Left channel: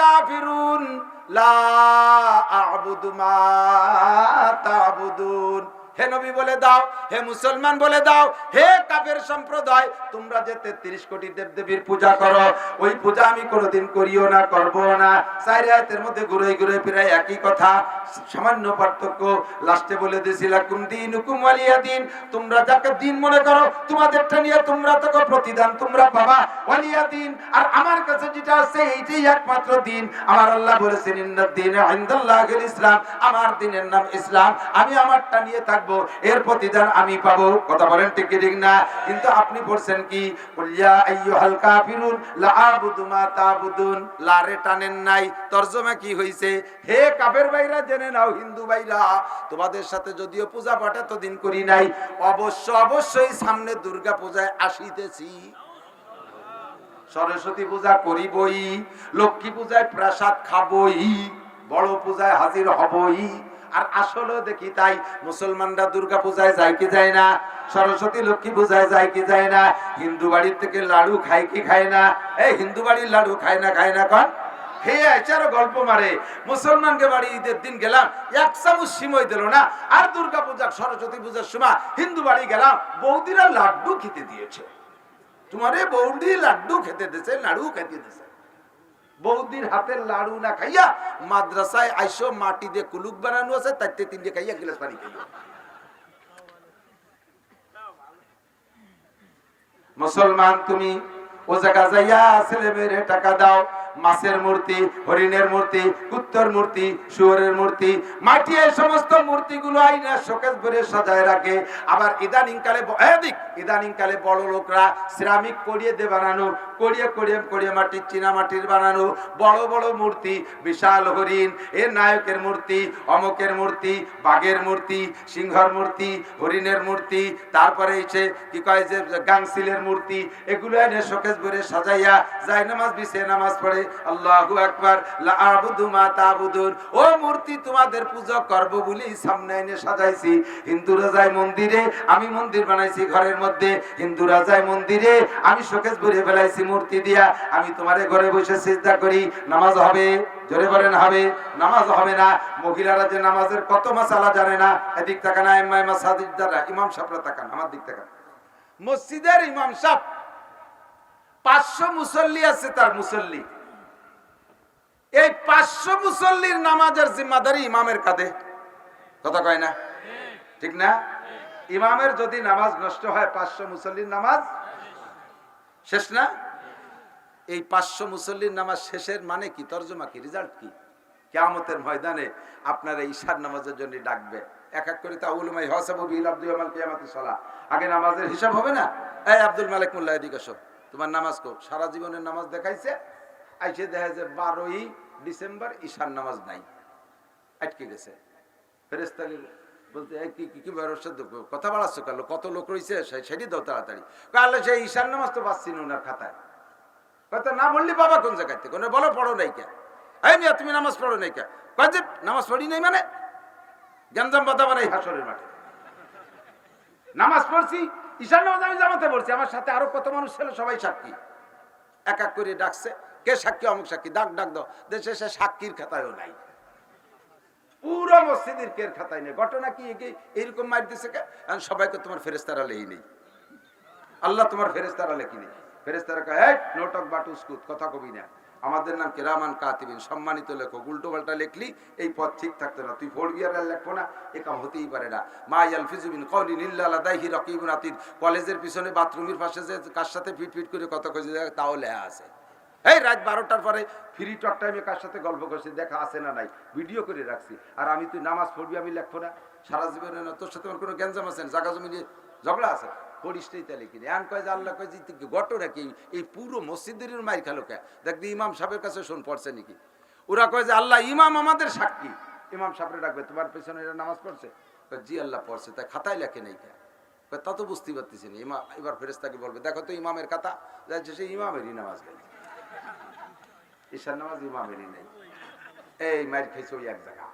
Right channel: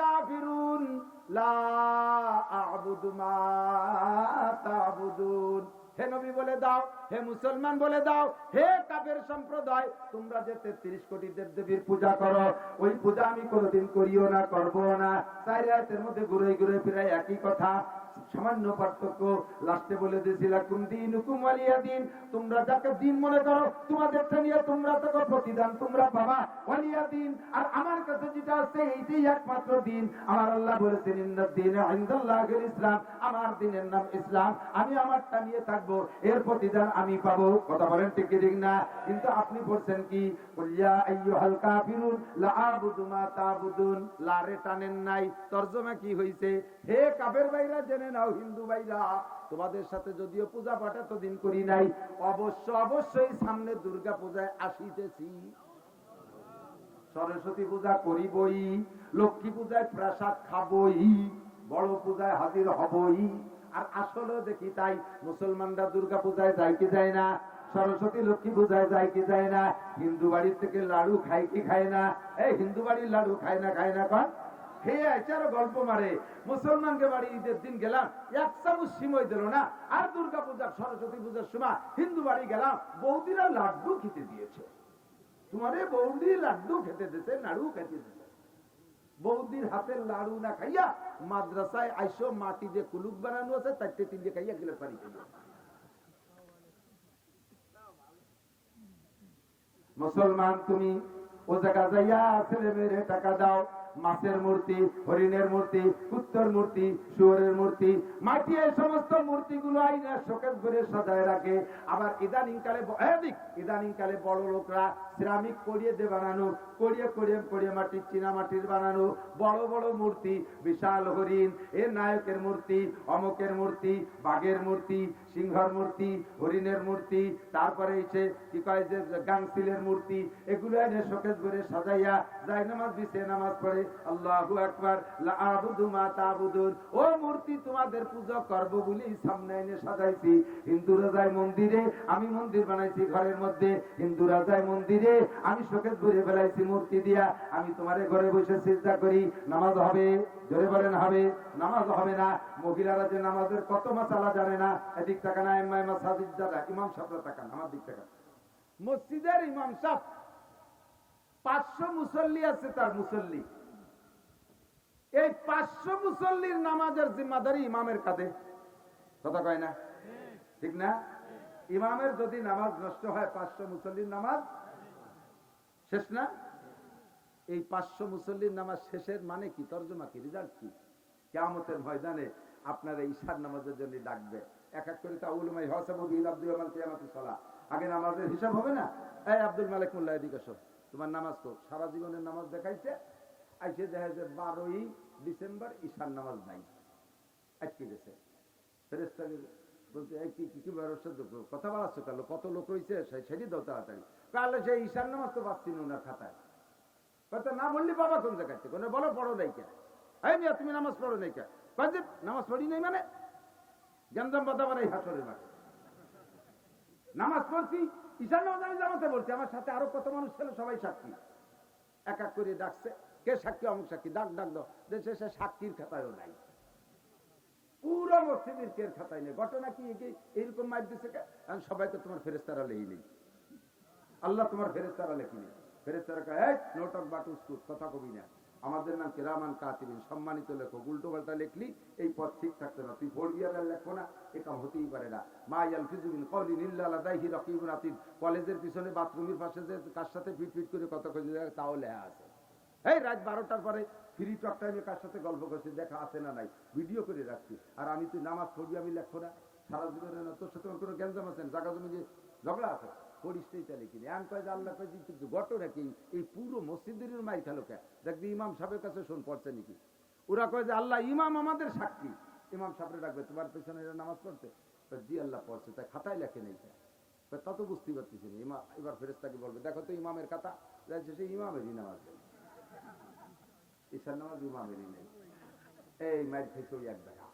কাফিরুন লা আ'বুদু মা তা'বুদুন। হে নবী বলে দাও, হে মুসলমান বলে দাও, হে কাফের সম্প্রদায়, তোমরা যে 33 কোটি দেবদেবীর পূজা করো, ওই পূজা আমি কোনোদিন করিও না, করব না। চার আয়াতের মধ্যে ঘুরে ঘুরে প্রায় একই কথা, সামান্য পার্থক্য। লাস্টে বলে দিয়েছি লাকুম দীনুকুম ওয়ালিয়া দিন, তোমরা যাকে দিন মনে করো তোমাদেরটা নিয়ে তোমরা তো প্রতিদান তোমরা পাবা, ওয়ালিয়া দিন। আর আমার কাছে যেটা আছে এইটাই একমাত্র দিন। আমার আল্লাহ বলেছেন ইন্নাদ দীনা ইনদাল্লাহিল ইসলাম, আমার দিনের নাম ইসলাম, আমি আমারটা নিয়ে থাকবো, এর প্রতিদান আমি পাবো। কথা বলেন ঠিক কি ঠিক না? কিন্তু আপনি বলছেন কি কুল ইয়া আইয়ুহাল কাফিরুন লা আ'বুদু মা তা'বুদুন, লারে টানেন নাই, তরজমা কি হইছে? হে কাফের ভাইরা জেনে নাও, হিন্দু ভাইরা, তোমাদের সাথে যদিও পূজা পাঠ এতদিন করি নাই, অবশ্যই সামনে দুর্গা পূজায় আসিতেছি, সরস্বতী পূজা করিবই, লক্ষ্মী পূজায় প্রসাদ খাবই, বড় পূজায় হাজির হবই। আর আসলে দেখি তাই, মুসলমানরা দুর্গা পূজায় যায় কি যায় না, সরস্বতী লক্ষ্মী পূজায় যায় কি যায় না, হিন্দু বাড়ির থেকে লাড়ু খায় কি খায় না? এই হিন্দু বাড়ির লাড়ু খায় না কন? হে আচারো গল্প মারে। মুসলমানকে বাড়ি ঈদের দিন গেলাম, এক চামচ সিমই দিল না। আর দুর্গা পূজা সরস্বতী পূজার সময় হিন্দু বাড়ি গেলাম, বৌদিরা লাড্ডু খেতে দিয়েছে। তোমারে বৌদি লাড্ডু খেতে দিয়েছে, লাড়ু খেতে দিয়েছে। বৌদির হাতের লাড়ু না খাইয়া মাদ্রাসায় আইসো, মাটি দিয়ে কুলুক বানানো আছে, তাইতে 3 খাইয়া গ্লাস পানি খাইয়া। মুসলমান তুমি ও জায়গা যাইয়া ছেলে মেয়েরে টাকা দাও, মাছের মূর্তি, হরিণের মূর্তি, কুত্তর মূর্তি, শুয়োরের মূর্তি, মাটি, এই সমস্ত মূর্তিগুলো আইনা শোকেস ভরে সাজায় রাখে। আবার ইদানিং কালে বড় লোকরা সিরামিক করিয়ে দিয়ে বানানো, করিয়ে মাটির, চীনা মাটির বানানো বড় বড় মূর্তি, বিশাল হরিণ, এর নায়কের মূর্তি, অমকের মূর্তি, বাঘের মূর্তি, সিংহর মূর্তি, হরিণের মূর্তি, তারপরে এসে কি কয় যে গাংসিলের মূর্তি, এগুলো এনে শোকেস ভরে সাজাইয়া যায় নামাজ বিছে নামাজ পড়ে। আল্লাহু আকবার, লা আ'বুদু মা তা'বুদুন, ও মূর্তি তোমাদের পূজা করব বলি সামনে এনে সাজাইছি। হিন্দুরা যায় মন্দিরে, আমি মন্দির বানাইছি ঘরের মধ্যে। হিন্দুরা যায় মন্দিরে, আমি শোকেস ভরে ফেলাইছি মূর্তি দিয়া। আমি তোমারে ঘরে বসে সিজদা করি, নামাজ হবে? জোরে বলেন হবে? নামাজ হবে না। মহিলারা যে নামাজের কত মাসালা জানে না, এদিক তাকান, আইম্মাই মাসাজিদ দ্বারা ইমাম সাহেবরা তাকান, আমার দিক তাকান। মসজিদের ইমাম সাহেব 500 মুসল্লি আছে, তার মুসল্লি, এই 500 মুসল্লির নামাজের জিম্মাদারি ইমামের কাঁধে। কথা কয় না? ঠিক না? ইমামের যদি নামাজ নষ্ট হয়, 500 মুসল্লির নামাজ শেষ না? এই 500 মুসল্লির নামাজ শেষের মানে কি, তরজমা কি, রেজাল্ট কি? কিয়ামতের ময়দানে আপনারা ঈশার নামাজের জন্য ডাকবে, এক এক করে তাউলুমাই হাসাবু বিল আব্দু ইয়ামাল কিয়ামাতিস সালাহ। আগে নামাজের হিসাব হবে না? এই আব্দুল মালিক মোল্লা এদিকে আসো, তোমার নামাজ কো? সারা জীবনের নামাজ দেখাইছে, আইসে দেখা যায় 12ই ডিসেম্বর ঈশার নামাজ নাই, আটকে গেছে। ফেরেশতা বলতে কি কথা বাড়াচ্ছ কাল, কত লোক রয়েছে সেটি দাও তাড়াতাড়ি। কালে সেই ঈশার নামাজ তো পাচ্ছি না ওনার খাতায়। হয়তো না বললি বাবা কোন জায়গায় থেকে, বলো পড়ো নাই কে? এই মিয়া তুমি নামাজ পড়ো নাই কে? কয় যে নামাজ পড়ি নাই মানে গ্যাঞ্জাম বাধা বানাই হাসরের মাঠে। নামাজ পড়ছি, ঈশার নামাজ আমি জামাতে পড়ছি, আমার সাথে আরো কত মানুষ ছিল, সবাই সাক্ষী। এক এক করে ডাকছে, কে সাক্ষী? অমুক সাক্ষী, ডাক দাও। দেশে সে সাক্ষীর খাতায়ও নাই, পুরো মসজিদের কের খাতায় নেই। ঘটনা কি এইরকম মার দিছে কে? সবাইকে তোমার ফেরেশতারা লেই নেই, আল্লাহ তোমার ফেরেশতারা লেখি নেই। ফেরেশতারা কয় এই নোটক বাটুসকুত, কথা কবি না, আমাদের নাম কিরামান কাতিবিন, সম্মানিত লেখক। উল্টো পাল্টা লেখলি এই পথ ঠিক থাকতো না, তুই পড়বি আর লেখবো না, এ কাম হতেই পারে না। মা ইয়ালফিজু মিন কাওলিন ইল্লা লাদাইহি রাকিবুন আতীদ, কলেজের পিছনে বাথরুমের পাশে যে কার সাথে ফিট করে কথা কইছে তাও লেখা আছে। এই রাত 12টার পরে ফ্রি টক টাইমে কার সাথে গল্প করছি দেখা আছে না নাই, ভিডিও করে রাখছি। আর আমি তুই নামাজ পড়বি আমি লেখবো না, সারা জীবনে না, তোর সাথে আমার কোনো গ্যাঞ্জাম আছে, জায়গা জমি নিয়ে ঝগড়া আছে, পড়িসটাই তাহলে কিনে এন কয় যে আল্লাহ কয় যে ঘটনা কি, এই পুরো মসজিদের মাইর খেলো কে? দেখবি ইমাম সাহেবের কাছে শোন পড়ছে নাকি? ওরা কয় যে আল্লাহ ইমাম আমাদের সাক্ষী। ইমাম সাহেবরে ডাকবে, তোমার পেছনে এরা নামাজ পড়ছে? জি আল্লাহ পড়ছে, তাই খাতায় লেখে নেই কে? তা তো বুঝতেই পারতেছি না। ইমাম এবার ফেরেশতাকে বলবে দেখো তো ইমামের খাতা, যাচ্ছে সে ইমামেরই নামাজ গাইছে, ঈশার নামাজ ইমামেরই নেই। এই মাইর খাইছে ওই এক জায়গা।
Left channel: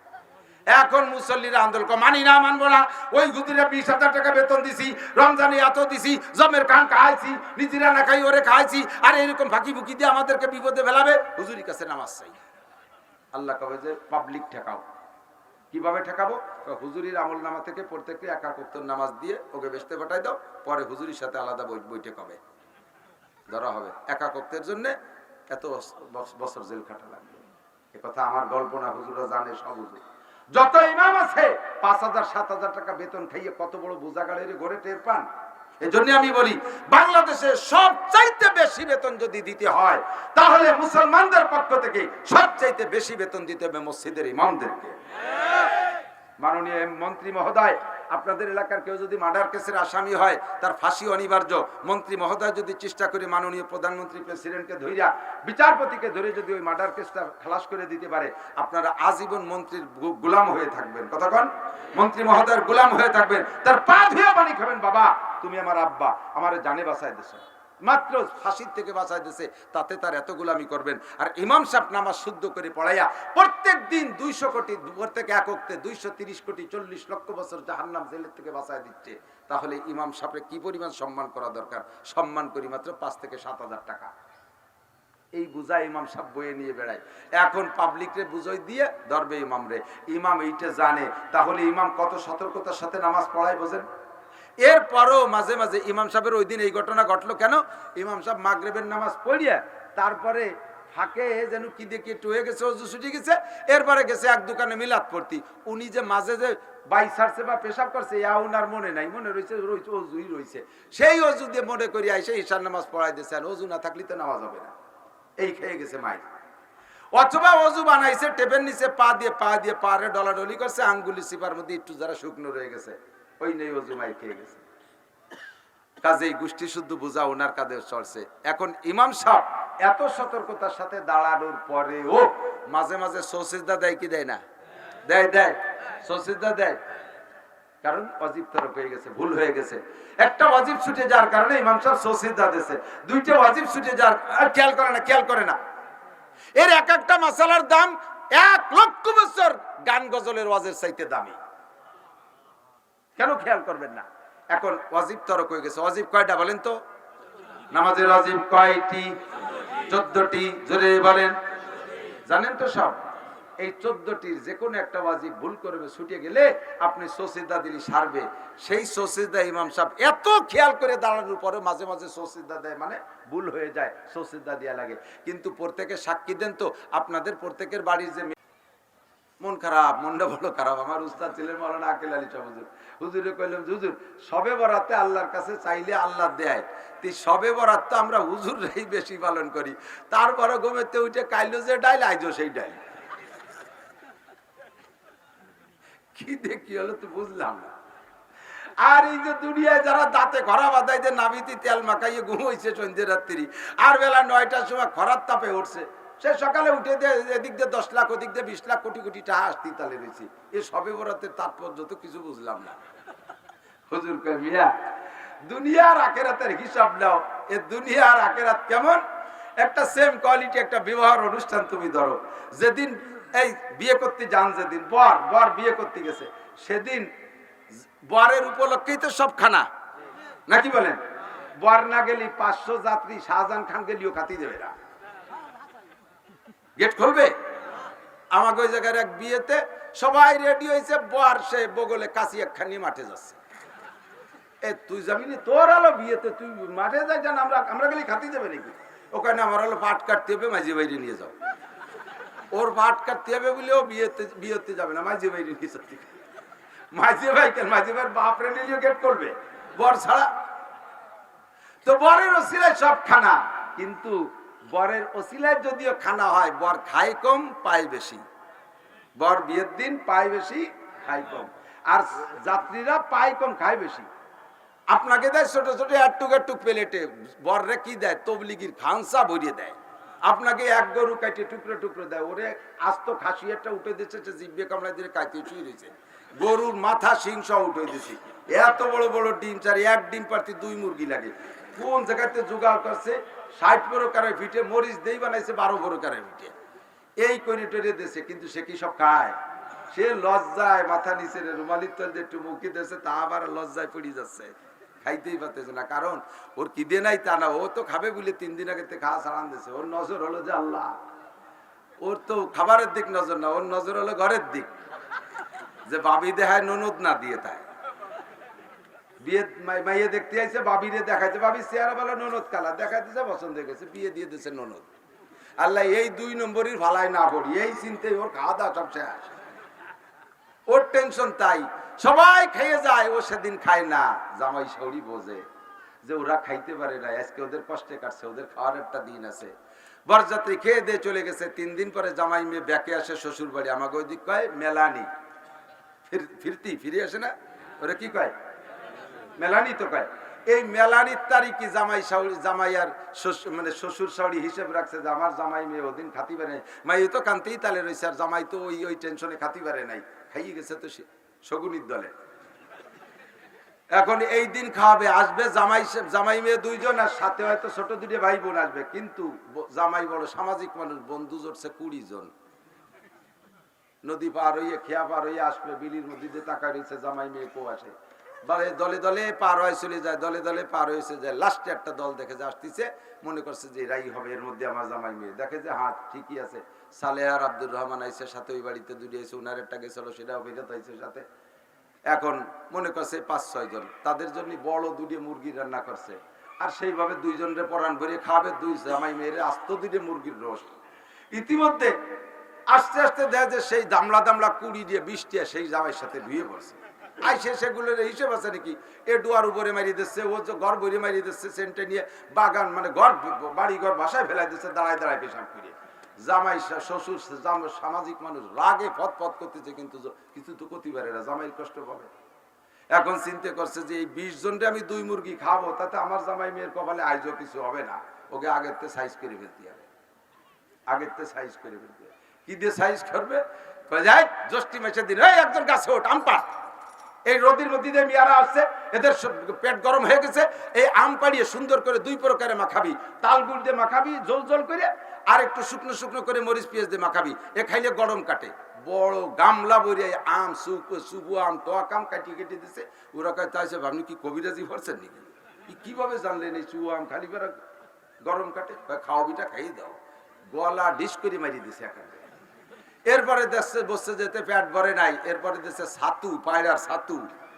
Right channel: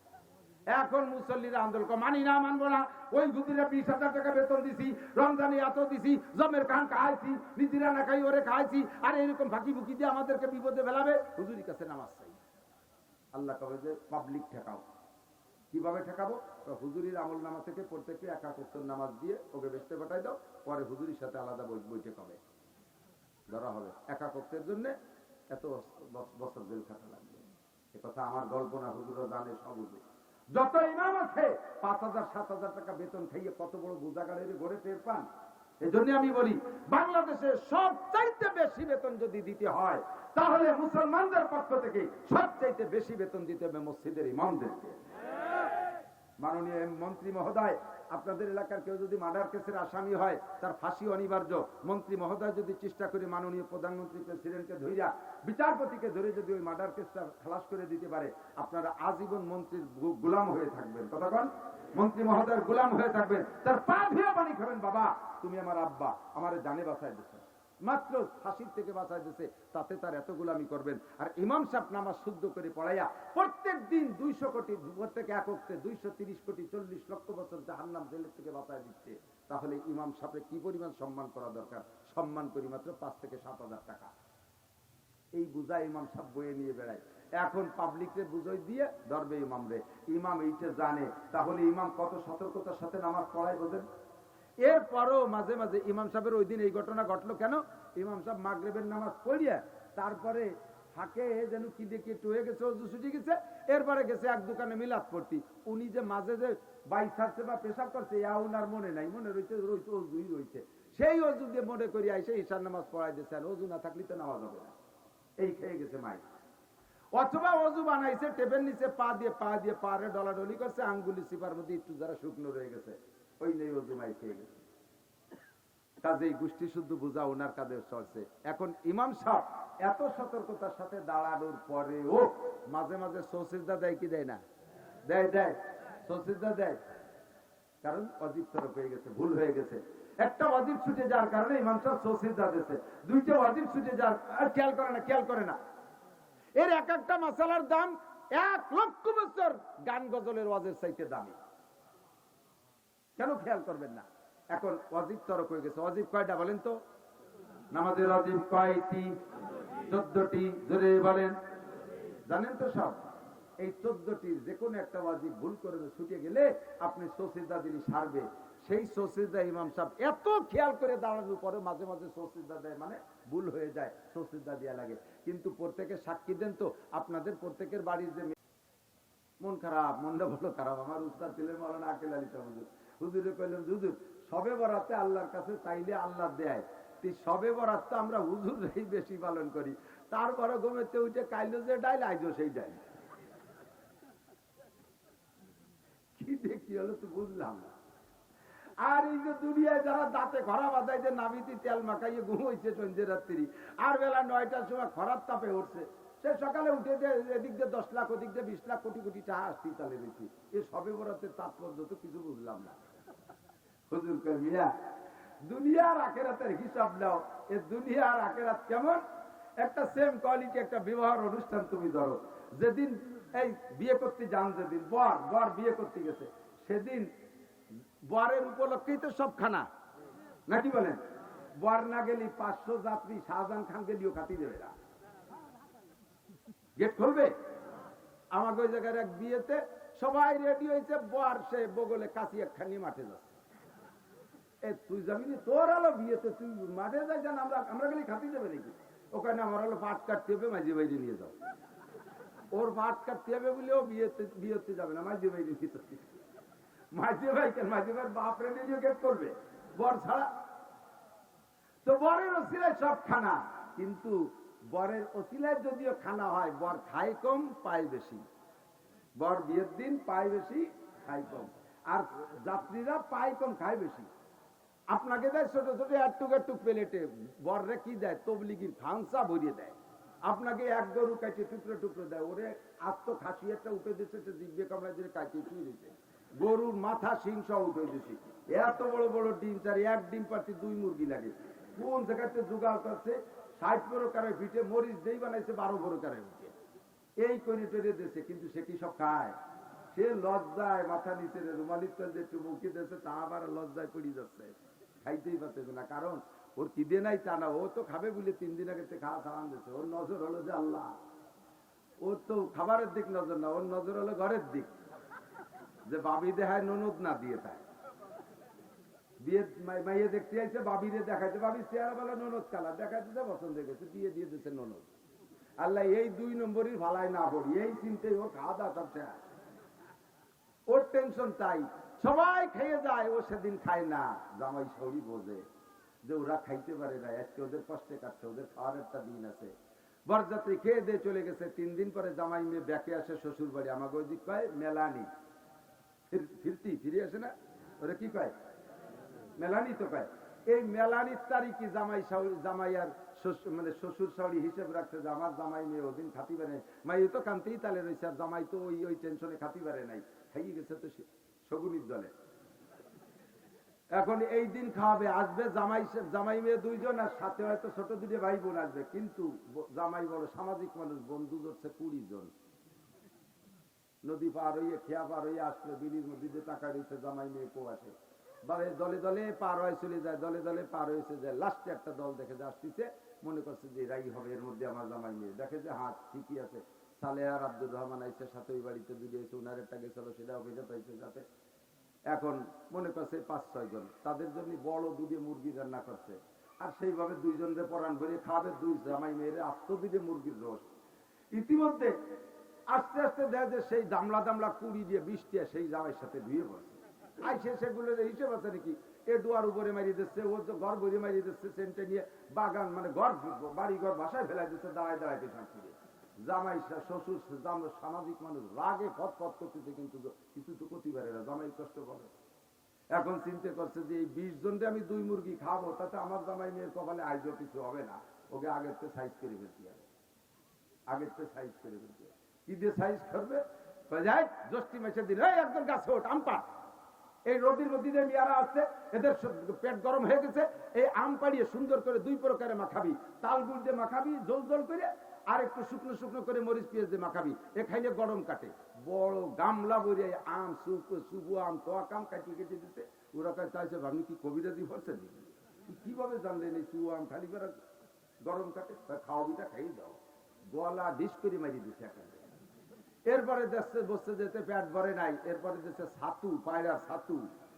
এখন মুসল্লিরা আন্দোলন মানি না, মানবো না। ওই হুজুরে 20,000 টাকা বেতন দিছি, রমজানে এত দিছি, জমের কান খাইছি, নিজেরা না খাই ওরে খাইছি, আর এরকম ফাঁকি ফুকি দিয়ে আমাদেরকে বিপদে ফেলাবে। হুজুরির কাছে নামাজ চাই। আল্লাহ কবে যে পাবলিক ঠেকাও। কিভাবে ঠেকাবো? হুজুরির আমল নামা থেকে প্রত্যেককে একা ওয়াক্ত নামাজ দিয়ে ওকে বেচতে পাঠাই দাও, পরে হুজুরির সাথে আলাদা বৈঠক হবে, ধরা হবে। একা ওয়াক্তের জন্য এত বছর জেল খাটা লাগবে। এ কথা আমার গল্প না, হুজুরা জানে সব। হুজুর যত ইমাম আছে 5,000 7,000 টাকা বেতন খাইয়ে কত বড় বোঝাগাড়ের ঘরে টের পান। এজন্য আমি বলি, বাংলাদেশে সবচাইতে বেশি বেতন যদি দিতে হয় তাহলে মুসলমানদের পক্ষ থেকে সবচাইতে বেশি বেতন দিতে হবে মসজিদের ইমামদেরকে। মাননীয় মন্ত্রী মহোদয়, আপনাদের এলাকার কেউ যদি মার্ডার কেসের আসামি হয় তার ফাঁসি অনিবার্য। মন্ত্রী মহোদয় যদি চেষ্টা করে মাননীয় প্রধানমন্ত্রী প্রেসিডেন্টকে ধইরা বিচারপতিকে ধরে যদি ওই মার্ডার কেসটা খালাস করে দিতে পারে, আপনারা আজীবন মন্ত্রীর গোলাম হয়ে থাকবেন। কতক্ষণ মন্ত্রী মহোদয়ের গোলাম হয়ে থাকবেন, তার পা ধুয়ে পানি খাবেন। বাবা তুমি আমার আব্বা, আমার জানে বাঁচায় দিছো, মাত্র ফাঁসির থেকে বাঁচায় দিছে, তাতে তার এত গোলামি করবেন। আর ইমাম সাহেব নামাজ শুদ্ধ করে পড়াইয়া প্রত্যেক দিন 200 কোটি, প্রত্যেকে এক ওয়াক্তে 230 কোটি 40 লক্ষ বছর জাহান্নাম জেলের থেকে বাঁচায় দিচ্ছে, তাহলে ইমাম সাহেবের কি পরিমাণ সম্মান করা দরকার? সম্মান করি মাত্র 5 থেকে 7,000 টাকা। এই বুঝায় ইমাম সাহেব বয়ে নিয়ে বেড়ায়। এখন পাবলিকরে বুঝাই দিয়ে ধরবে ইমাম রে। ইমাম এইটা জানে, তাহলে ইমাম কত সতর্কতার সাথে নামাজ পড়ায় বোঝেন। এরপরও মাঝে মাঝে ইমাম সাহেবের ওই দিন এই ঘটনা ঘটলো কেন? ইমাম সাহেব মাগরিবের নামাজ পড়িয়া তারপরে ফাঁকে যেন কি দেখে একটু হয়ে গেছে, অজু ছুটে গেছে, এরপরে গেছে এক দোকানে মিলাদ পড়তি। উনি যে মাঝে যে বাই ছাড়ছে বা পেশাব করছে উনার মনে নাই, মনে রয়েছে অজুই রয়েছে। সেই অজু দিয়ে মনে করি আইসে ঈশার নামাজ পড়াই দিয়েছে। আর অজু না থাকলে তো নামাজ হবে না, এই খেয়ে গেছে মাইক। অথবা অজু বানাইছে, টেপের নিচে পা দিয়ে পারে ডলাডলি করছে, আঙ্গুলি সিপার মধ্যে একটু যারা শুকনো রয়ে গেছে, ওই নেই অজু মাই খেয়ে গেছে। কাজেই গোষ্ঠী শুদ্ধ বোঝা ওনার কাঁধে চলছে। এখন ইমাম সাহেব এত সতর্কতার সাথে দাঁড়ানোর পরেও মাঝে মাঝে সৌসিজদা দেয় কি দেয় না? দেয় সৌসিজদা দেয়, কারণ ওয়াজিব তরফ হয়ে গেছে, ভুল হয়ে গেছে। একটা ওয়াজিব ছুটে যাওয়ার কারণে ইমাম সাহেব সৌসিজদা দিয়েছে, দুইটা ওয়াজিব ছুটে যাওয়ার খেয়াল করে না। এর এক একটা মাসালার দাম 1 লক্ষ বছর গান গজলের ওয়াজের চাইতে দামি। কেন খেয়াল করবেন না? এখন ওয়াজিব তরক হয়ে গেছে। ওয়াজিব কয়টা বলেন তো? নামাজের ওয়াজিব কয়টি? 14টি। জোরে বলেন। জানেন তো সব? এই 14টির যে কোনো একটা ওয়াজিব ভুল করবে, ছুটে গেলে আপনি সৌসিজদা দিলি সারবে। সেই সৌসিজদা ইমাম সাহেব এত খেয়াল করে দাঁড়ানোর পরে মাঝে মাঝে সৌসিজদা দেয়, মানে ভুল হয়ে যায়, সৌসিজদা দেয়া লাগে। কিন্তু প্রত্যেকে সাক্ষী দেন তো, আপনাদের প্রত্যেকের বাড়ির যে মন খারাপ, মনটা বড় খারাপ। আমার উস্তাদ ছিলেন মাওলানা আকিল আলী শাহ হুজুর। হুজুরে কইলাম, হুজুর সবে বরাতে আল্লাহর কাছে চাইলে আল্লাহ দেয়, সবে বরাত তো আমরা হুজুররাই বেশি পালন করি। তারপরে ঘুমেতে উঠে কাইলো যে ডাইল, আইজো সেই ডাইল। কি দেখি হলো তো বুঝলাম না। আর এই যে দুনিয়ায় যারা দাঁতে খরা বাঁধাই যে নাবিতে তেল মাখাইয়ে ঘুমাইছে সন্ধ্যে রাত্রি, আর বেলা 9টার সময় খরার তাপে উঠছে, সে সকালে উঠে দিয়ে এদিক দিয়ে 10 লাখ, ওদিক দিয়ে 20 লাখ, কোটি কোটি টাকা আসতেই তালে রয়েছে। এ সবে বরাতের তাৎপর্য তো কিছু বুঝলাম না। হুজুর কয়, মিয়া দুনিয়ার আখেরাতের হিসাব নাও। এ দুনিয়ার আখেরাত কেমন? একটা সেম কোয়ালিটি একটা বিবাহের অনুষ্ঠান তুমি ধরো। যেদিন এই বিয়ে করতে যান, যেদিন বর বিয়ে করতে গেছে, সেদিন বরের উপলক্ষেই তো সব খানা, নাকি বলেন? বর না গেলি 500 যাত্রী শাহজাহান খান গেলিও খাতি দেবে না, গেট খুলবে। আমাকে ওই জায়গার এক বিয়েতে সবাই রেডি হয়েছে, বর সে বগলে কাশি একখানি মাঠে যাচ্ছে। এ তুই যাবি না? তোর আলো বিয়েতে তুই মাঠে যাই, জান আমরা গেলি খাতি দেবে নাকি? ওখানে আমার হলো পাট কাটতে হবে, মাঝি বাইরে নিয়ে যাও। ওর পাট কাটতে হবে বলে ও বিয়েতে যাবে না, মাঝি বাইরে নিয়ে যাচ্ছে। মাঝি ভাই কেন? মাঝি ভাইয়ের বাপরে নিলেও গেট করবে বর ছাড়া। তো বরের ওসিলায় সব খানা, কিন্তু বরের ওসিলায় যদিও খানা হয়, বর খায় কম পায় বেশি। বর বিয়ের দিন পায় বেশি, খায় কম। আর যাত্রীরা পায় কম, খায় বেশি। আপনাকে দেয় ছোট ছোট একটুক প্লেটে, বররে কি দেয়? তবলিগির খানসা ভরিয়ে দেয়। আপনাকে এক গরু কাটে টুকরো টুকরো দেয়। ওরে আস্ত খাসি একটা উঠে দিচ্ছে, জিভে কামড়ায় দিয়ে কাইতে শুয়ে রয়েছে। গরুর মাথা সিং সহ উঠে দিয়েছি। এত বড় বড় ডিম চার, এক ডিম পারতে 2 মুরগি লাগে। কোন জায়গাতে জোগাড় করছে? 60 প্রকারের পিঠে, মরিচ দেই বানাইছে 12 প্রকারের পিঠে। এই করে টরে দিয়েছে, কিন্তু সে কি সব খায়? সে লজ্জায় মাথা নিচে রুমালির তল দিয়ে একটু মুখে দিয়েছে, তা আবার লজ্জায় পড়ে যাচ্ছে, খাইতেই পারতেছে না। কারণ ওর কিদে নাই তা না, ও তো খাবে বলে 3 দিন আগে খাওয়া ছাড়ান দিয়েছে। ওর নজর হলো যে আল্লাহ, ওর তো খাবারের দিক নজর না, ওর নজর হলো ঘরের দিক, যে বাবি দেখায় ননদ না দিয়ে তাই বিয়ে মাইয়ে দেখতে আইছে, বাবিরে দেখাইছে, বাবি চেহারা বলে ননদ কালা দেখাইতেছে, পছন্দ হয়ে গেছে, বিয়ে দিয়ে দিছে ননদ। আল্লাহ এই 2 নম্বরের ভালাই না করি, এই চিন্তে ওর খাওয়া দাওয়া সব শেষ, ওর টেনশন তাই। সবাই খেয়ে যায়, ও সেদিন খায় না। জামাই শাশুড়ি বোঝে যে ওরা খাইতে পারে না, আজকে ওদের কষ্টে কাটছে, ওদের খাওয়ার একটা দিন আছে। বরযাত্রী খেয়ে দিয়ে চলে গেছে। 3 দিন পরে জামাই মেয়ে ব্যাকে আসে শ্বশুর বাড়ি। আমাকে ওই দিক কয় মেলানি, ফিরে আসে না, ওরা কি কয় মেলানি তো কয়। এই মেলানির তারিখে জামাই আর মানে শ্বশুর শাশুড়ি হিসেব রাখছে যে আমার জামাই মেয়ে ওদিন খাতি পারে নাই। মাই তো কান্তেই তালে রয়েছে, আর জামাই তো ওই টেনশনে খাতি পারে নাই, খাইয়ে গেছে তো শগুনির দলে। এখন এই দিন খাওয়াবে, আসবে জামাই মেয়ে 2 জন, আর সাথে হয়তো ছোট 2 ভাই বোন আসবে। কিন্তু জামাই বড় সামাজিক মানুষ, বন্ধু জোরছে 20 জন। নদী পার হইয়ে খেয়া পার হইয়ে আসবে, বিলির মধ্যে দিয়ে তাকায় রয়েছে, জামাই মেয়ে কো আসে, দলে দলে পার হয়ে চলে যায়, দলে দলে পার হয়েছে যায়। লাস্টে একটা দল দেখে যে আসতেছে, মনে করছে যে এরাই হবে, এর মধ্যে আমার জামাই মেয়ে। দেখে যে হ্যাঁ ঠিকই আছে, সালেহার আব্দুর রহমান আইসে সাথে, ওই বাড়িতে 2 আইসে, ওনার একটা গেছিল, সেটাও ফেরত আইসে সাথে। এখন মনে করছে 5-6 জন, তাদের জন্য বড় 2 মুরগি রান্না করছে, আর সেইভাবে 2 জনের পরাণ ভরিয়ে খাবে, 2 জামাই মেয়ের আস্ত 2 মুরগির রোস্ট। ইতিমধ্যে আস্তে আস্তে দেখা যায় সেই দামলা 20 দিয়ে 20 টিয়া সেই জামাইয়ের সাথে ধুয়ে পড়ছে। আইসে সেগুলোর হিসেব আছে নাকি, এ ডুয়ার উপরে মারিয়ে দিচ্ছে, ও যে ঘর ভরে মারিয়ে দিচ্ছে, সেন্টে নিয়ে বাগান মানে বাড়ি ঘর বাসায় ফেলাই দিচ্ছে, দাঁড়ায় দাঁড়ায় পেশাব করে। জামাই শ্বশুর সামাজিক মানুষ রাগে ফত করতেছে, কিন্তু কিছু তো করতে পারে না, জামাই কষ্ট পাবে। এখন চিন্তা করছে যে এই 20 জনরে আমি 2 মুরগি খাবো, তাতে আমার জামাই মেয়ের কপালে আইজও কিছু হবে না, ওকে আগের থেকে সাইজ করে ফেলতে হবে, আগের থেকে সাইজ করে ফেলতে হবে। কি দিয়ে সাইজ করবে, যাই জ্যৈষ্ঠী মাসের দিন একজন গাছে ওঠ আম পাড়, এই রোদির মধ্যে দিয়ে মেয়ারা আসছে, এদের পেট গরম হয়ে গেছে, এই আম পাড়িয়ে সুন্দর করে 2 প্রকারে মাখাবি, তাল গুড় দিয়ে মাখাবি জল জল করে, আর একটু শুকনো শুকনো করে মরিচ পেঁয়াজ দিয়ে মাখাবি, এ খাইলে গরম কাটে। বড় গামলা ভরে আম, সুবু আম, টক আম কাটিয়ে কেটে দিচ্ছে। ওরা কয় তাইছে আপনি কি কবিরাজি করছেন নাকি, কিভাবে জানলেন এই চুয়া আম খালি করে গরম কাটে? খাওয়াবিটা খাইয়ে দাও, গলা ডিশ করে মারিয়ে দিছে এখানে। এরপরে দেশে বসে যেতে পেট ভরে নাই, এরপরে দেশে ছাতু, পায়রার ছাতু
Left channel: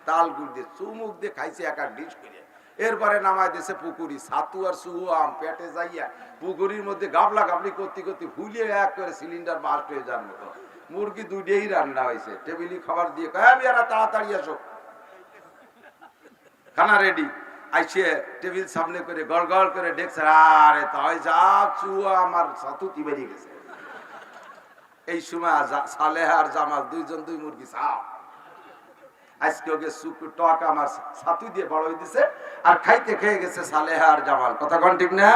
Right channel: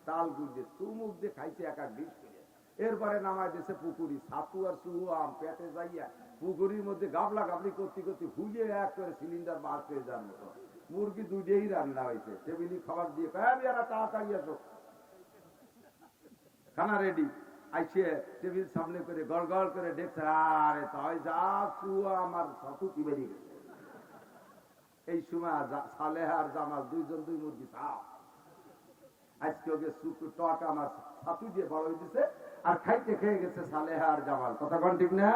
তাল গুড় দিয়ে চুমুক দিয়ে খাইছে এক ডিশ করে। এরপরে নামায় দিছে পুকুরি, ছাতু আর সুহু আম পেটে যাইয়া পুকুরির মধ্যে গাবলা গাবলি করতে করতে ফুলিয়ে এক করে সিলিন্ডার বাস্ট হয়ে যাওয়ার মতো। মুরগি 2টাই রান্না হয়েছে, টেবিলি খাবার দিয়ে কয়ারা তাড়াতাড়ি আসো, খানা রেডি। আইসে টেবিল সামনে করে গড় গড় করে দেখছে, আরে তাই যা চুয়া আমার ছাতু কি বেরিয়ে গেছে। এই সময় সালেহা আর জামাল 2 জন 2 মুরগি সাপ, আজকে ওকে টক আমার ছাতু দিয়ে বড় হয়ে দিছে, আর খাইতে খেয়ে গেছে সালেহা আর জামাল। কথা কোন ঠিক না?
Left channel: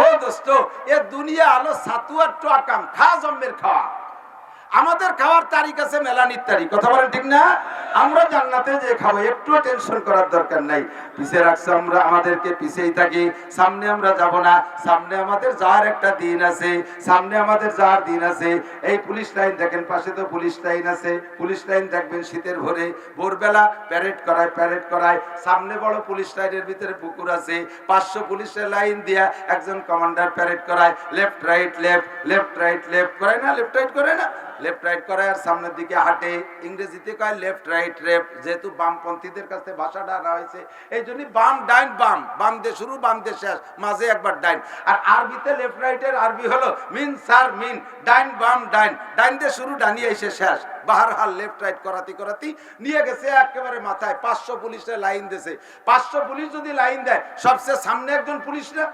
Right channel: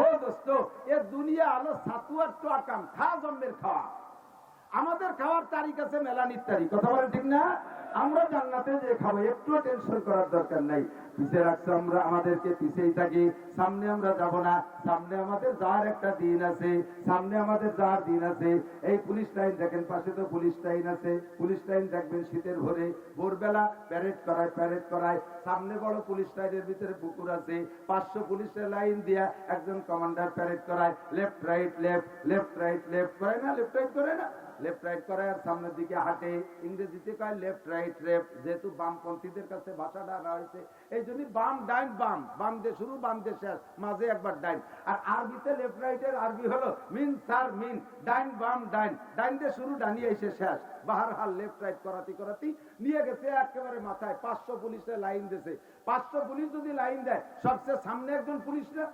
ও দোস্ত, এ দুনিয়া আলো ছাতু আর টক আম, খা জম্মের খাওয়া। আমাদের খাওয়ার তারিখ আছে মেলানির তারিখ, কথা বলেন ঠিক না? আমরা জান্নাতে যে খাবো, একটু টেনশন করার দরকার নাই। পিছে রাখছে আমরা, আমাদেরকে পিছেই থাকি, সামনে আমরা যাব না। সামনে আমাদের যাওয়ার একটা দিন আছে, সামনে আমাদের যাওয়ার দিন আছে। এই পুলিশ লাইন দেখেন, পাশে তো পুলিশ লাইন আছে, পুলিশ লাইন দেখবেন শীতের ভোরবেলা প্যারেড করায়। সামনে বড় পুলিশ লাইনের ভিতরে পুকুর আছে, 500 পুলিশের লাইন দিয়া একজন কমান্ডার প্যারেড করায়, লেফট রাইট লেফট করায় না, লেফট রাইট করে না, লেফট রাইট করে, আর সামনের দিকে হাঁটে। ইংরেজিতে কয় লেফট রাইট লেফট, যেহেতু বামপন্থীদের কাছে ভাষাটা আনা হয়েছে, এই জন্য বাম ডাইন বাম, বাম দিয়ে শুরু বাম দিয়ে শেষ, মাঝে একবার ডাইন। আর আরবিতে লেফট রাইটের আরবি হলো মিন সার মিন, ডাইন বাম ডাইন, ডাইন দিয়ে শুরু ডানি এসে শেষ। বাহারহাল লেফট রাইট করাতি নিয়ে গেছে একেবারে মাথায়। 500 পুলিশের লাইন দিয়েছে। 500 পুলিশ যদি লাইন দেয়, সবচেয়ে সামনে একজন পুলিশ না,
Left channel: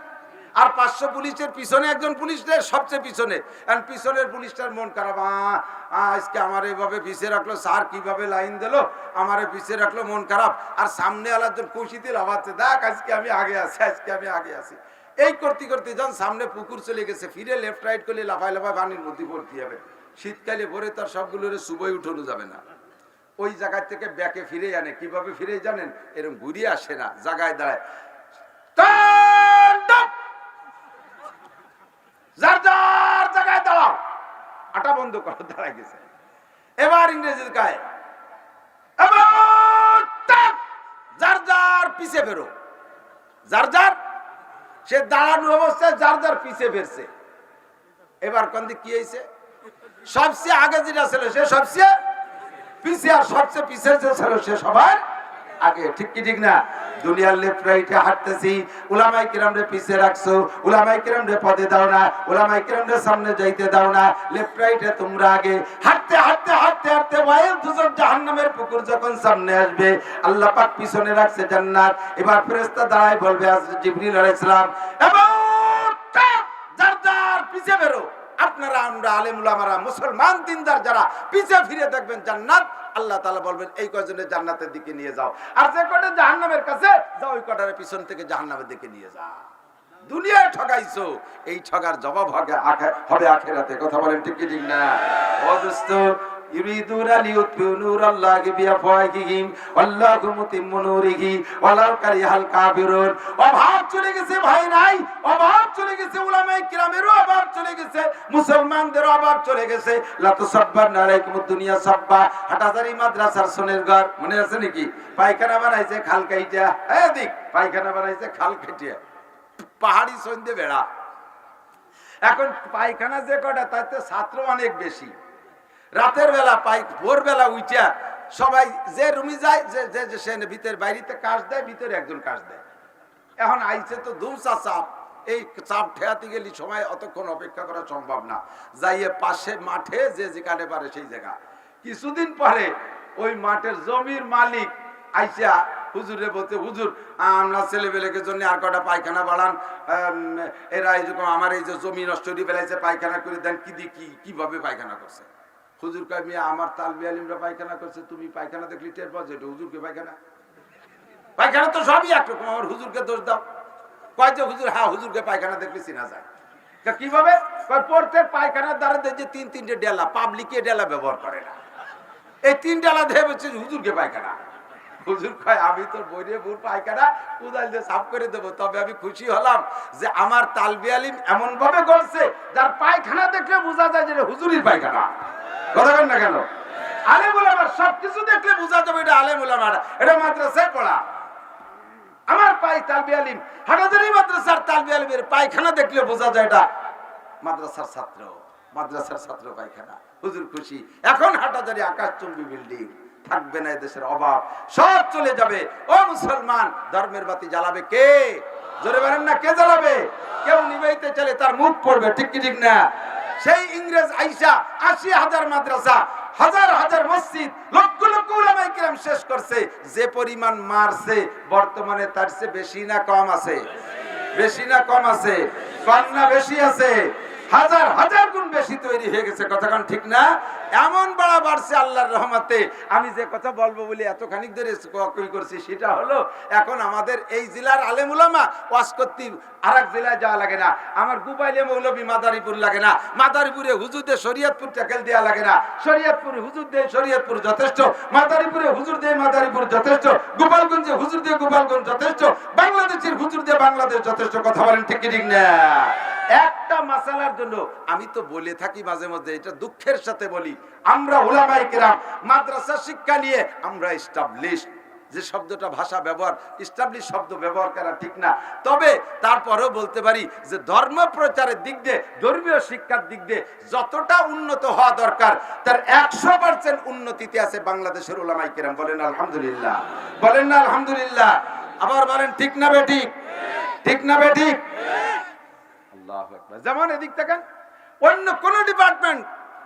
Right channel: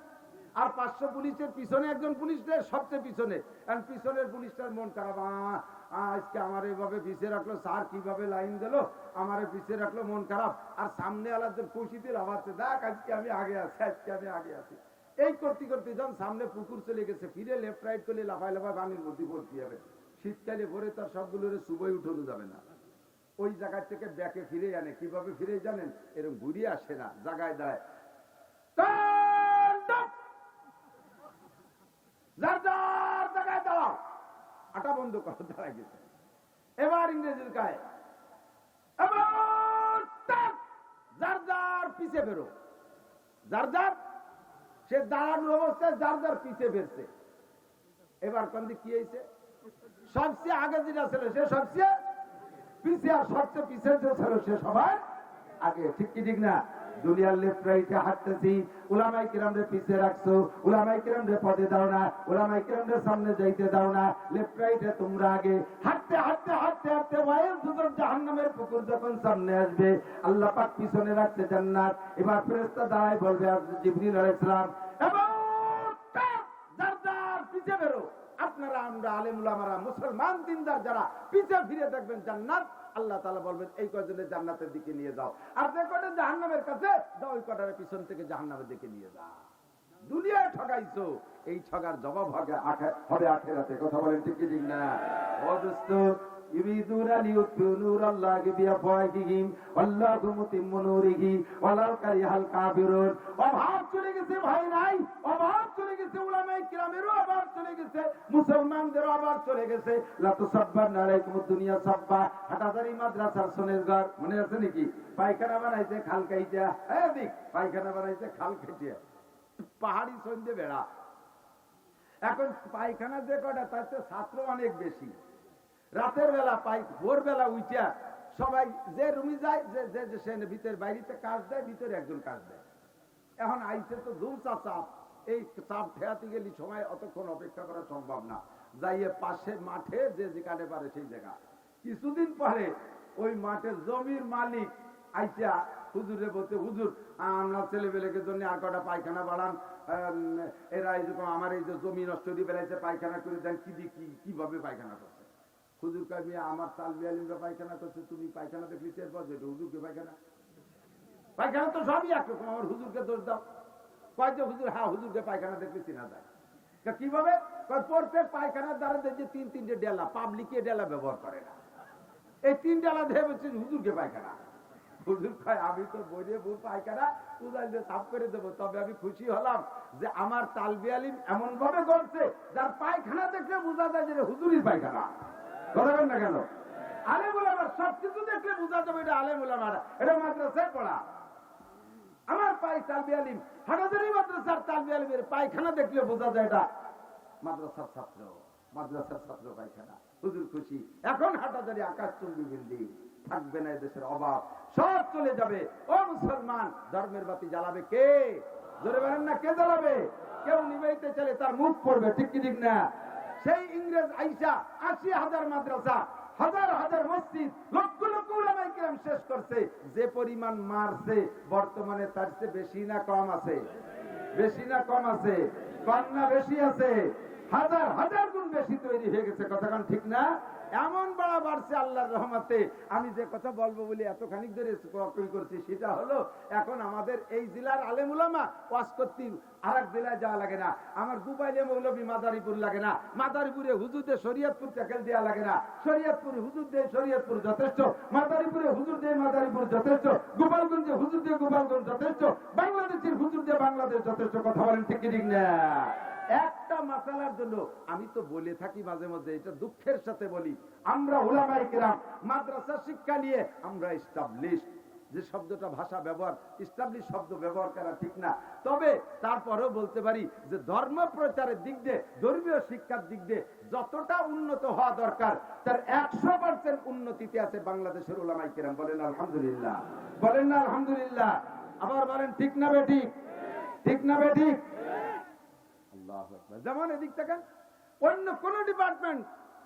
আর 500 পুলিশের পিছনে একজন পুলিশ নেই, সবচেয়ে পিছনে। কারণ পিছনের পুলিশটার মন খারাপ, আজকে আমার এইভাবে পিছিয়ে রাখলো, স্যার কিভাবে লাইন দিল, আমারে পিছিয়ে রাখলো, মন খারাপ। আর সামনে আলাদা খুশিতে লাভাচ্ছে, দেখ আজকে আমি আগে আছি। এই করতে যখন সামনে পুকুর চলে গেছে, ফিরে লেফট রাইট করলে লাফায় পানির মধ্যে ভর্তি হবে। শীতকালে ভরে তার সবগুলোর সুবই উঠানো যাবে না, ওই জায়গা থেকে ব্যাকে ফিরে আনে। কিভাবে ফিরে জানেন? এরকম ঘুরিয়ে আসে না, জায়গায় দাঁড়ায়, যার যার জায়গায় দাঁড়াও, আটা বন্ধ করো, দাঁড়ায় গেছে। এবার ইংরেজির গায়ে যার যার পিছে বেরো, যার যার, সে দাঁড়ানোর অবস্থায় যার যার পিছে বেরছে। এবার কোন দিক কি হয়েছে? সবচেয়ে আগে যেটা ছিল সে সবচেয়ে পিছিয়ে, আর সবচেয়ে পিছিয়ে যে ছিল সে সবার আগে। ঠিক কি ঠিক না? দুনিয়ার লেফট রাইটে হাঁটতেছি, উলামায়ে কিরামরে পিছে রাখছো, উলামায়ে কিরামরে পদে দাও না, উলামায়ে কিরামরে সামনে যাইতে দাও না, লেফট রাইটে তোমরা আগে। হাঁটতে হাঁটতে হাঁটতে হাঁটতে ওয়াইল দুজন জাহান্নামের পুকুর যখন সামনে আসবে, আল্লাহ পাক পিছনে রাখছে জান্নাত। এবার ফেরেশতা দাঁড়ায় বলবে জিবরিল আলাইহিস সালাম, এবং যার যার পিছে বেরো। আপনারা আমরা আলেম উলামারা মুসলমান দিনদার যারা পিছে ফিরে দেখবেন জান্নাত, আল্লাহ তাআলা বলবেন এই কয়জনের জান্নাতের দিকে নিয়ে যাও, আর যে কয়টা জাহান্নামের কাছে যাও ওই কয়টার পিছন থেকে জাহান্নামের দিকে নিয়ে যাও। দুনিয়ায় ঠগাইছো, এই ঠগার জবাব হবে আখিরাতে। কথা বলেন ঠিক কি ঠিক না? ও দোস্ত, ইউরিদুনা লিউতফিউ নূরাল্লাহি বিআফওয়াহিহিম আল্লাহু মুতিম্মু নূরিহি ওয়ালাউ কারিহাল কাফিরুন। অভাব চলে গেছে ভাই নাই, অভাব চলে গেছে, উলামায়ে কিরামেরও অভাব চলে গেছে, মুসলমানদেরও অভাব চলে গেছে। লা তুসাব্বানা আলাইকুমুদ দুনিয়া সাব্বা। হাটাজারি মাদ্রাসার সোনের ঘর মনে আছে নাকি? পায়খানা বানাইছে খাল কাইটা, এদিক পায়খানা বানাইছে খাল কাটিয়া, পাহাড়ি সন্ধে বেড়া। এখন পায়খানা যে কটা তাতে ছাত্র অনেক বেশি। রাতের বেলা ভোরবেলা উইটা সবাই যে রুমি যায়, যে সে ভিতরে বাইরেতে কাজ দেয়, ভিতরে একজন কাজ দেয়। এখন আইছে তো ধুমসা চাপ, এই চাপ ঠেয়াতে গেলে সময় অতক্ষণ অপেক্ষা করা সম্ভব না। যাইয়ে পাশে মাঠে যে যেখানে পারে সেই জায়গা। কিছুদিন পরে ওই মাঠের জমির মালিক আইসা হুজুরে বলতে, হুজুর আমরা ছেলেবেলেকে জন্য আর কটা পায়খানা বাড়ান, এরা এই রকম আমার এই যে জমি নষ্ট করে বেলাইছে, পায়খানা করে দেন। কিভাবে পায়খানা করছে? হুজুর কয়, মিয়া আমার তালবি আলিমরা পায়খানা করছে, তুমি পায়খানা দেখলি টের পাও যে এটা হুজুরকে পায়খানা? পায়খানা তো সবই একরকম, আমার হুজুরকে দোষ দাও। কয় যে হুজুর, হ্যাঁ হুজুরকে পায়খানা দেখলে চিনা যায়। কিভাবে? প্রত্যেক পায়খানার দ্বারা যে তিনটে ডেলা, পাবলিকে ডেলা ব্যবহার করে না, এই 3 ডেলা দেহে বলছে হুজুরকে পায়খানা। হুজুর কয়, আমি তোর বইরে বুর পায়খানা কোদাল দিয়ে সাফ করে দেবো, তবে আমি খুশি হলাম যে আমার তালবি আলিম এমন ভাবে করছে যার পায়খানা দেখলে বোঝা যায় যে হুজুরির পায়খানা। কথা বলেন না কেন? আলেম উলামা সবকিছু দেখলে বোঝা যাবে এটা আলেম উলামা, এটা মাদ্রাসায় পড়া। আমার তালবি আলিম হাটাজারি মাদ্রাসার তালবি আলিমের পায়খানা দেখলে বোঝা যায় এটা মাদ্রাসার ছাত্র, মাদ্রাসার ছাত্র পায়খানা। হুজুর খুশি। এখন হাটাজারি আকাশচুম্বী বিল্ডিং, থাকবে না এদেশের অভাব, সব চলে যাবে। ও মুসলমান, ধর্মের বাতি জ্বালাবে কে? জোরে বলেন না, কে জ্বালাবে? কেউ নিভাইতে চলে তার মুখ পড়বে। ঠিক কি ঠিক না? সেই ইংরেজ আইসা 80,000 মাদ্রাসা, হাজার হাজার মসজিদ, লক্ষ লক্ষ উলামায়ে কিরাম শেষ করছে। যে পরিমাণ মারছে বর্তমানে তার চেয়ে বেশি না কম আছে? বেশি না কম আছে? কম না বেশি আছে? হাজার হাজার গুণ বেশি তৈরি হয়ে গেছে। কথাখান ঠিক না? এমন বড় বাড়ছে আল্লাহর রহমতে। আমি যে কথা বলবো বলে এতখানি ধরে করছি সেটা হলো, এখন আমাদের এই জেলার আলেম উলামা ওয়াজ করতে আরেক জেলায় যাওয়া লাগে না। আমার গুবাইলে মৌলভী মাদারীপুর লাগে না, মাদারীপুরে হুজুরদের শরীয়তপুর ট্যাকেল দেওয়া লাগে না, শরীয়তপুরে হুজুর দিয়ে শরীয়তপুর যথেষ্ট, মাদারীপুরে হুজুর দিয়ে মাদারীপুর যথেষ্ট, গোপালগঞ্জে হুজুর দিয়ে গোপালগঞ্জ যথেষ্ট, বাংলাদেশের হুজুর দিয়ে বাংলাদেশ যথেষ্ট। কথা বলেন ঠিক কি ঠিক না? একটা মাসালার জন্য আমি তো বলে থাকি মাঝে মধ্যে, এটা দুঃখের সাথে বলি, আমরা উলামায়ে কেরাম মাদ্রাসা শিক্ষা নিয়ে আমরা এস্টাবলিশ, যে শব্দটা ভাষা ব্যবহার, এস্টাবলিশ শব্দ ব্যবহার করা ঠিক না, তবে তারপরেও বলতে পারি যে ধর্ম প্রচারের দিক দিয়ে, ধর্মীয় শিক্ষার দিক দিয়ে যতটা উন্নত হওয়া দরকার তার 100% উন্নতিতে আছে বাংলাদেশের উলামায়ে কেরাম। বলেন আলহামদুলিল্লাহ, বলেন না আলহামদুলিল্লাহ। আবার বলেন ঠিক না বেঠিক? ঠিক না বেঠিক? যেমন এদিক থেকে অন্য কোন ডিপার্টমেন্ট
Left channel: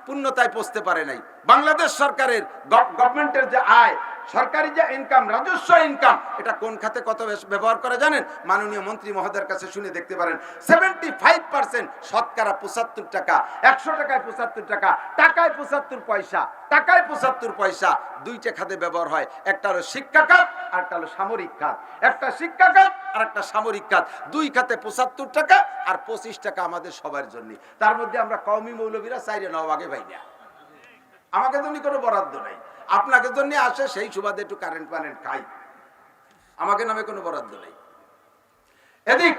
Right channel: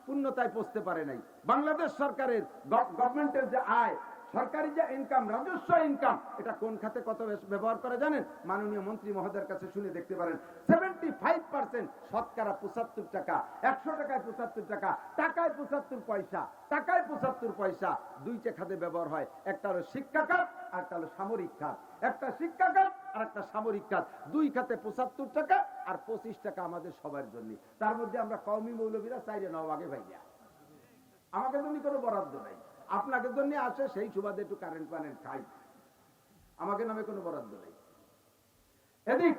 পূর্ণতায় পৌঁছতে পারে নাই। বাংলাদেশ সরকারের গভর্নমেন্টের যে আয়, সরকারি যে ইনকাম, রাজস্ব ইনকাম, এটা কোন খাতে কত ব্যবহার করে জানেন? মাননীয় মন্ত্রী মহোদয়ের কাছে শুনে দেখতে পারেন। 75% শতকরা 75 টাকা, 100 টাকায় 75 টাকা, টাকায় 75 পয়সা, টাকায় 75 পয়সা দুইটা খাতে ব্যবহার হয়। একটা হলো শিক্ষা খাত আর একটা হলো সামরিক খাত। একটা শিক্ষা খাত আর একটা সামরিক খাত, দুই খাতে 75 টাকা আর 25 টাকা আমাদের সবার জন্য। তার মধ্যে আমরা কওমি মৌলবীরা 4 ভাগে পাই না। আমাকে জন্য কোনো বরাদ্দ নাই, আপনাকে জন্য আসে, সেই সুবাদে একটু কারেন্ট পারেন্ট খাই, আমাকে নামে কোনো বরাদ্দ নাই। এদিক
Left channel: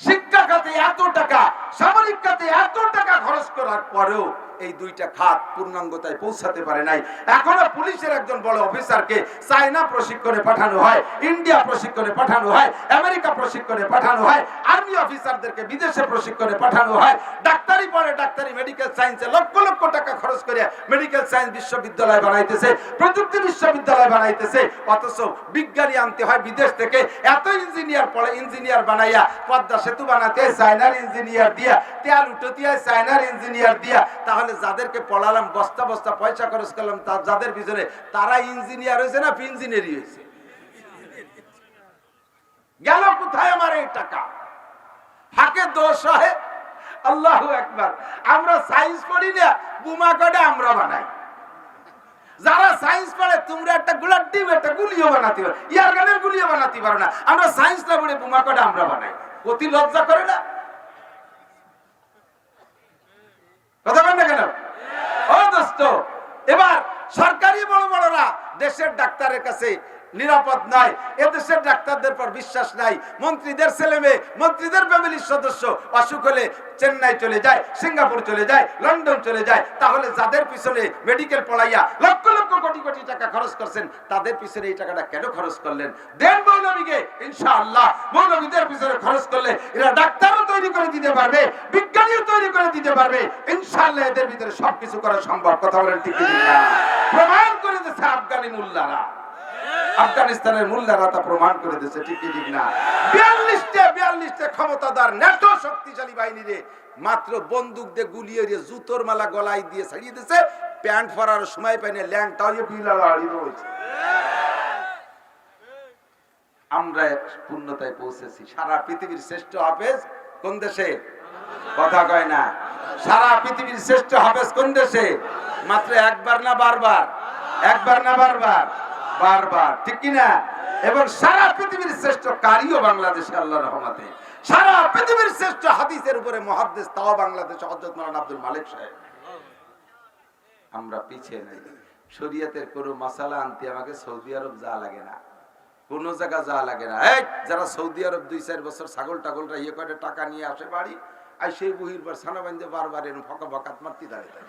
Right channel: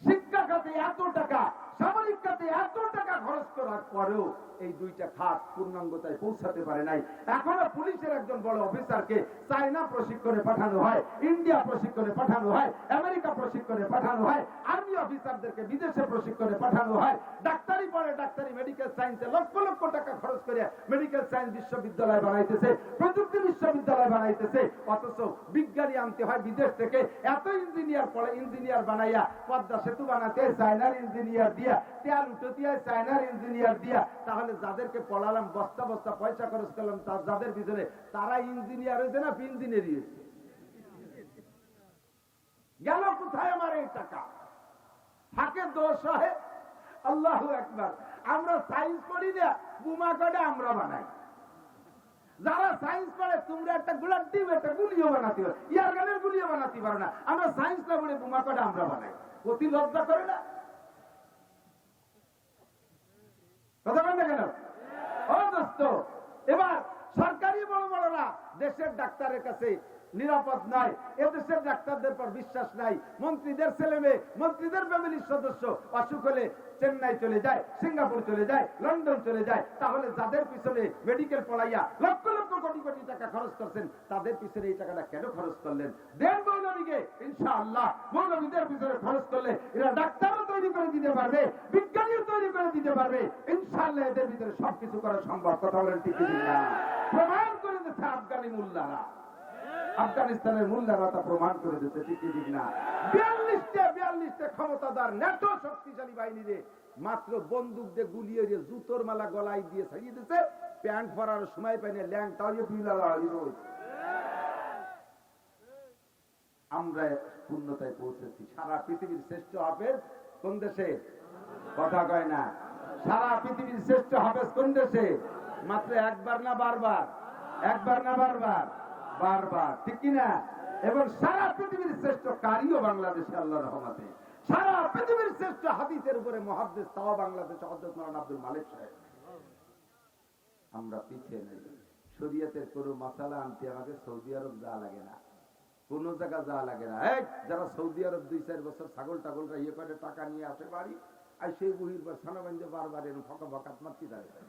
শিক্ষা খাতে এত টাকা, সামরিক খাতে এত টাকা খরচ করার পরেও এই দুইটা খাত পূর্ণাঙ্গতায় পৌঁছাতে পারে নাই। এখনো পুলিশের একজন বড় অফিসারকে চায়না প্রশিক্ষণে পাঠানো হয়, ইন্ডিয়া প্রশিক্ষণে পাঠানো হয়, আমেরিকা প্রশিক্ষণে পাঠানো হয়, আর্মি অফিসারদেরকে বিদেশে প্রশিক্ষণে পাঠানো হয়। ডাক্তারি পড়ে, ডাক্তারি মেডিকেল সায়েন্সে লক্ষ লক্ষ টাকা খরচ করে মেডিকেল সায়েন্স বিশ্ববিদ্যালয় বানাইতেছে, প্রযুক্তি বিশ্ববিদ্যালয় বানাইতেছে। অথচ বিজ্ঞানী আনতে হয় বিদেশ থেকে। এত ইঞ্জিনিয়ার পড়ে, ইঞ্জিনিয়ার বানাইয়া পদ্মা সেতু বানাতে চায়নার ইঞ্জিনিয়ার দিয়া, তেল উঠতে হয় চায়নার ইঞ্জিনিয়ার দিয়া। তাহলে যাদেরকে পড়ালাম, বস্তা বস্তা পয়সা খরচ করলাম, যাদের পিছনে, তারা ইঞ্জিনিয়ার হয়েছে না ইঞ্জিনিয়ারই হয়েছে? গেল কোথায় আমার এই টাকা? হাকে দোষ হয়। আল্লাহু আকবার। আমরা সায়েন্স পড়ি না, বোমা কটা আমরা বানাই। যারা সায়েন্স পড়ে, তোমরা একটা গোলার ডিম একটা গুলিও বানাতে পারো, ইয়ার গানের গুলিও বানাতে পারো না। আমরা সায়েন্স না পড়ে বোমা কটা আমরা বানাই। অতি লজ্জা করে না? কথা বলেন না কেন? ও দোস্ত, এবার সরকারি বড় বড়রা দেশের ডাক্তারের কাছে নিরাপদ নয়, এদেশের ডাক্তারদের পর বিশ্বাস নাই। মন্ত্রীদের ছেলে মেয়ে, মন্ত্রীদের ফ্যামিলির সদস্য অসুখ হলে চেন্নাই চলে যায়, সিঙ্গাপুর চলে যায়, লন্ডন চলে যায়। তাহলে যাদের পিছনে মেডিকেল পড়াইয়া লক্ষ লক্ষ কোটি কোটি টাকা খরচ করছেন, তাদের পিছনে এই টাকাটা কেন খরচ করলেন? দেন মৌলবীকে, ইনশাআল্লাহ মৌলবীদের পিছনে খরচ করলে এরা ডাক্তারও তৈরি করে দিতে পারবে, বিজ্ঞানীও তৈরি করে দিতে পারবে। ইনশাআল্লাহ এদের ভিতরে সবকিছু করা সম্ভব। কথা বলেন ঠিক না? প্রমাণ করে দিচ্ছে আফগানি মোল্লারা, আফগানিস্তানের মোল্লারা তা প্রমাণ করে দিচ্ছে। ঠিক ঠিক না? 42টা ক্ষমতাদার ন্যাটো শক্তিশালী বাহিনীরে মাত্র বন্দুক দিয়ে গুলিয়ে দিয়ে জুতোর মালা গলায় দিয়ে ছাড়িয়ে দিচ্ছে। প্যান্ট পরার সময় পাইনি, ল্যাংটাও হয়েছে। আমরা পূর্ণতায় পৌঁছেছি। সারা পৃথিবীর শ্রেষ্ঠ হাফেজ কোন দেশে? কথা কয় না। সারা পৃথিবীর শ্রেষ্ঠ হাফেজ কোন দেশে? মাত্র একবার না বারবার? একবার না বারবার? বারবার। ঠিক কিনা? এবং সারা পৃথিবীর শ্রেষ্ঠ কারিও বাংলাদেশে, আল্লাহর রহমতে। সারা পৃথিবীর শ্রেষ্ঠ হাদিসের উপরে মুহাদ্দিস তাও বাংলাদেশে হযরত মাওলানা আব্দুল মালিক সাহেব। আমরা পিছিয়ে নাই। শরীয়তের কোনো মাসালা আনতে আমাকে সৌদি আরব যাওয়া লাগে না, কোন জায়গা যাওয়া লাগে না। এই যারা সৌদি আরব 2-4 বছর ছাগল টাগলটা ইয়ে করে টাকা নিয়ে আসে বাড়ি, আর সেই বহির বার ছানা বান্ধে বারবার এরকম ফকা ফকাত মারতে দাঁড়িয়ে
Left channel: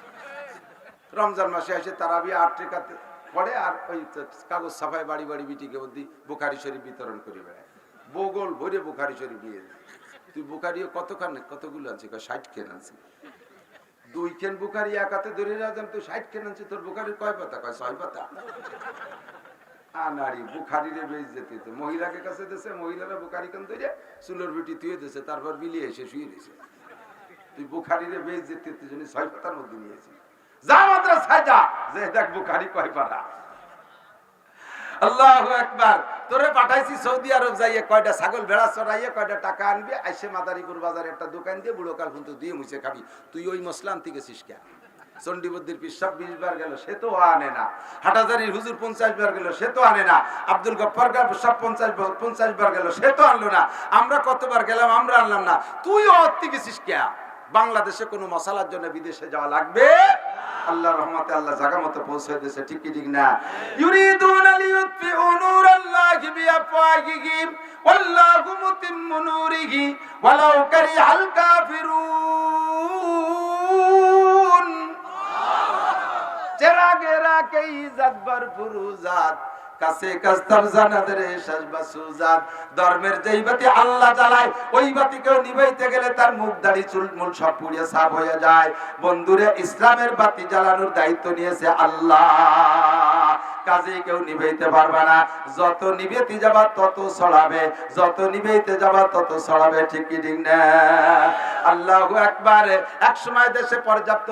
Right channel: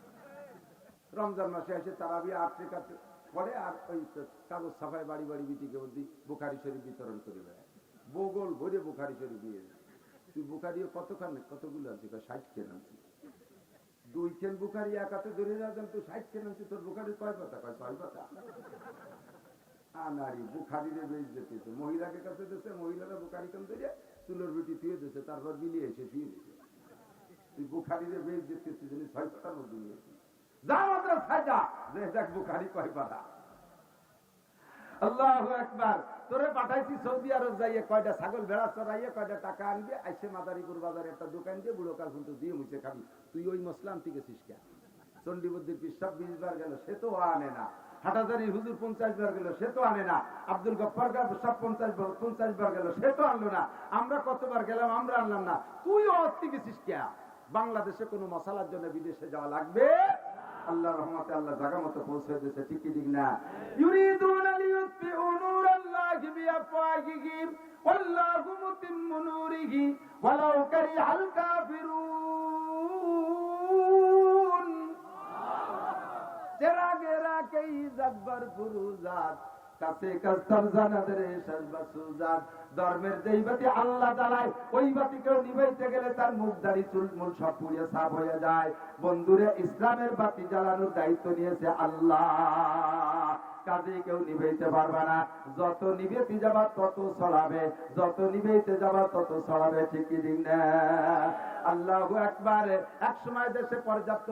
রমজান মাসে এসে তারাবি 8 টাকাতে পড়ে, আর ওই কাগজ ছাপায় বাড়ি বাড়ি বিটিকে বুখারি শরীফ বিতরণ করে বেড়ায়। বগল ভরে বুখারি শরীফ নিয়ে যায়। তুই বুখারিও কতগুলো আনছি? 60 কেন আনছি। 2 কেন বুখারি এক হাতে ধরে রাখেন, তুই 60 কেন আনছি, তোর বুখারির কয় পাতা? 6 পাতা। আনারি বুখারিরে বেশ যেতে, মহিলাকে কাছে দিয়েছে, মহিলারা বুখারি কেন ধরে চুলোর বিটি তুই দিয়েছে, তারপর বিলিয়ে এসে শুয়ে দিয়েছে। তুই বুখারিরে বেশ যেতে 6 পাতার মধ্যে নিয়েছিস। যা মাদ্রাসায় যা, যে দেখ বুখারী কয় পারা। আল্লাহু আকবার। তোরে পাঠাইছি সৌদি আরব যাইয়ে কয়টা ছাগল ভেড়া চড়াইয়ে কয়টা টাকা আনবি, আইসে মাদারীপুর বাজারে একটা দোকান দিয়ে বুড়ো কাল কিন্তু দিয়ে মুছে খাবি। তুই ওই মশলা আনতে গেছিস কেন? চন্ডীবদ্দির পিসাব 20 বার গেল, সে তো আনে না। হাটাজারির হুজুর 50 বার গেল, সে তো আনে না। আব্দুল গফফার সব 50 বার গেল, সে তো আনলো না। আমরা কতবার গেলাম, আমরা আনলাম না। তুই অর্থে গেছিস কেন? বাংলাদেশে কোনো মশালার জন্য বিদেশে যাওয়া লাগবে? আল্লাহর রহমতে আল্লাহ জায়গা মতো পৌঁছে দিয়েছে। ঠিক কি ঠিক না? ইউরিদুনা লিইউতফিউ নূরাল্লাহি বিআফওয়াহিহিম ওয়াল্লাহু মুতিম্মু নূরিহি ওয়ালাউ কারিহাল কাফিরুন। চেরাগে রাকে ইজ্জত ভরপুর জাত, কাছে কাস্তার জানাদের শেষ বাসুজাত। ধর্মের যেই বাতি আল্লাহ জ্বালায়, ওই বাতি কেউ নিভাইতে গেলে তার মুখ দাড়ি চুল মূল সব পুড়িয়ে সাফ হয়ে যায়। বন্ধুরে, ইসলামের বাতি জ্বালানোর দায়িত্ব নিয়েছে আল্লাহ, কাজে কেউ নিভাইতে পারবে না। যত নিবেতে যাবা তত ছড়াবে, যত নিভাইতে যাবা তত ছড়াবে। ঠিক কি ঠিক না? আল্লাহু আকবার। এক সময় দেশে পর্যাপ্ত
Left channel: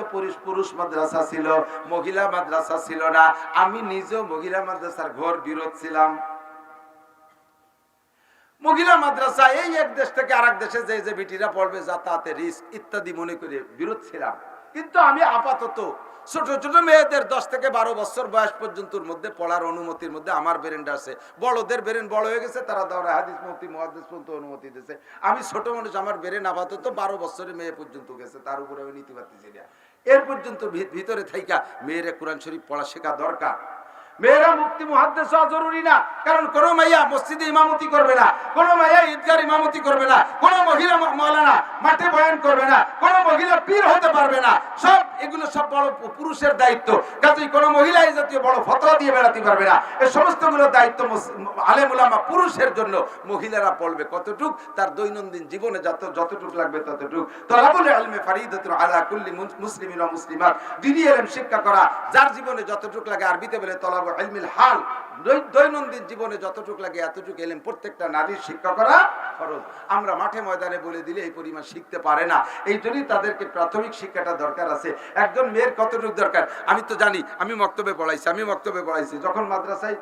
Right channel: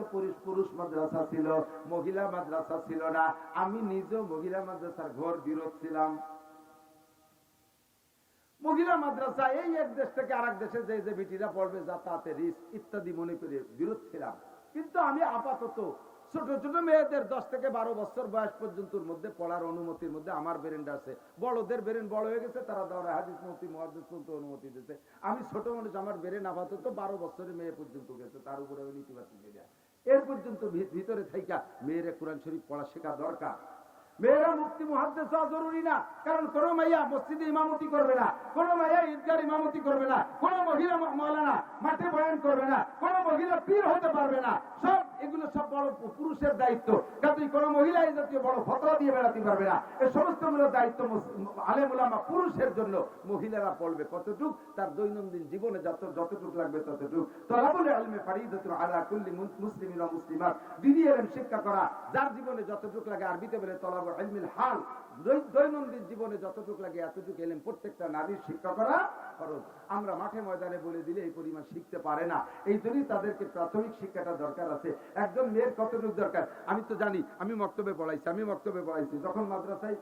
পুরুষ মাদ্রাসা ছিল, মহিলা মাদ্রাসা ছিল না। আমি নিজেও মহিলা মাদ্রাসার ঘোর বিরোধ ছিলাম। মহিলা মাদ্রাসা এই এক দেশ থেকে আরেক দেশে যে বিটিরা পড়বে যাতায়াতে রিস্ক ইত্যাদি মনে করে বিরোধ ছিলাম। কিন্তু আমি আপাতত ছোট ছোট মেয়েদের 10 থেকে 12 বছর বয়স পর্যন্ত মধ্যে পড়ার অনুমতির মধ্যে আমার ব্রেনটা আছে। বড়দের ব্রেন বড় হয়ে গেছে, তারা দাওরা হাদিস মুফতি মুহাদ্দিস পর্যন্ত অনুমতি দিয়েছে। আমি ছোট মানুষ, আমার ব্রেন আপাতত 12 বছরের মেয়ে পর্যন্ত গেছে, তার উপরে আমি নীতি পাচ্ছি না। এর পর্যন্ত ভিতরে থাইকা মেয়েরা কোরআন শরীফ পড়া শেখা দরকার। মেয়েরা মুফতি মুহাদ্দিস হওয়া জরুরি না, কারণ কোন মাইয়া মসজিদে ইমামতি করবে না, কোন মাইয়া ঈদগাহ ইমামতি করবে না, কোন মহিলা মাওলানা মাঠে বয়ান করবে না, কোন মহিলা পীর হতে পারবে না। সব এগুলো সব বড় পুরুষের দায়িত্ব। কাজেই কোনো মহিলা এই জাতীয় বড় ফতোয়া দিয়ে বেড়াতে পারবে না। এই সমস্তগুলো দায়িত্ব আলেম উলামা পুরুষের জন্য। মহিলারা পড়বে কতটুক, তার দৈনন্দিন জীবনে যতটুক লাগবে ততটুক। তালাবুল ইলমি ফারিদাতুন আলা কুল্লি মুসলিমিন ওয়া মুসলিমাত। দ্বীনি ইলম শিক্ষা করা যার জীবনে যতটুক লাগে, আরবিতে বলে তলাবুল ইলমিল হাল, দৈনন্দিন জীবনে যতটুক লাগে এতটুকু ইলম প্রত্যেকটা নারীর শিক্ষা করা ফরজ। আমরা মাঠে ময়দানে বলে দিলে এই পরিমাণ শিখতে পারে না। এই জন্যই তাদেরকে প্রাথমিক শিক্ষাটা দরকার আছে। একজন মেয়ের কতটুকু দরকার আমি তো জানি। আমি মক্তবে পড়াইছি যখন মাদ্রাসায়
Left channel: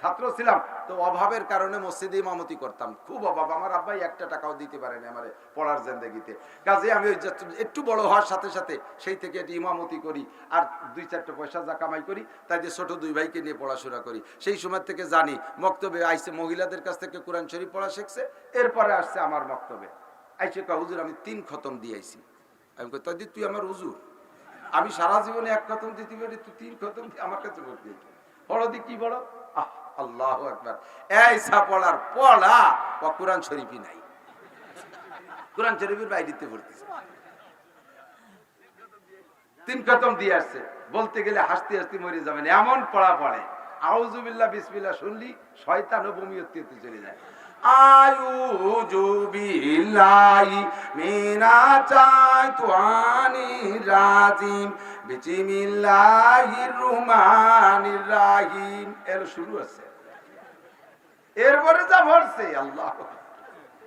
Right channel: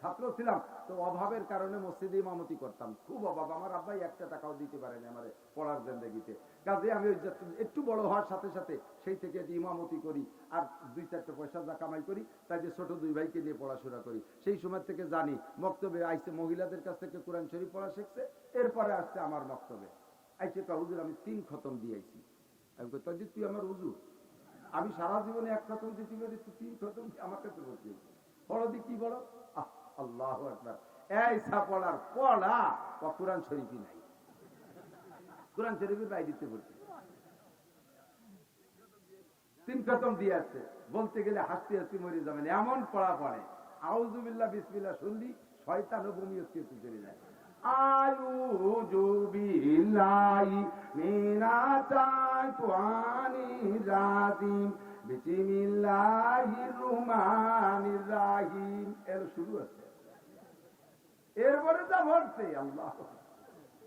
ছাত্র ছিলাম, তো অভাবের কারণে মসজিদে ইমামতি করতাম। খুব অভাব, আমার আব্বাই একটা টাকাও দিতে পারেনি আমার পড়ার জিন্দেগিতে। কাজে আমি একটু বড় হওয়ার সাথে সাথে সেই থেকে এটি ইমামতি করি, আর 2-4 পয়সা যা কামাই করি তাই দিয়ে ছোট 2 ভাইকে নিয়ে পড়াশোনা করি। সেই সময় থেকে জানি মক্তবে আইসে মহিলাদের কাছ থেকে কোরআন শরীফ পড়া শিখছে, এরপরে আসছে আমার মক্তবে আইসে কয় হুজুর আমি 3 খতম দিয়ে আইছি। আমি কই তাই তুই আমার হুজুর, আমি সারা জীবনে 1 খতম দিতে পারি, তুই 3 খতম আমার কাছে ভর্তি বড় দি কি বড়। আল্লাহু আকবার। এই সাপড়ার পড়া বা কোরআন শরীফই নাই, কোরআন শরীফের বাইরেতে পড়তেছে। 3 খতম দিয়ে আসছে, বলতে গেলে হাসতে হাসতে মরে যাবেন এমন পড়া পড়ে। আউযু বিল্লাহ বিসমিল্লাহ শুনলি শয়তান ও বমিয়তে চলে যায়। আউযু বিল্লাহি মিনাশ শাইতানির রাজিম বিসমিল্লাহির রহমানির রহিম এর শুরু আছে। এরপরে যা পড়ছে আল্লাহ,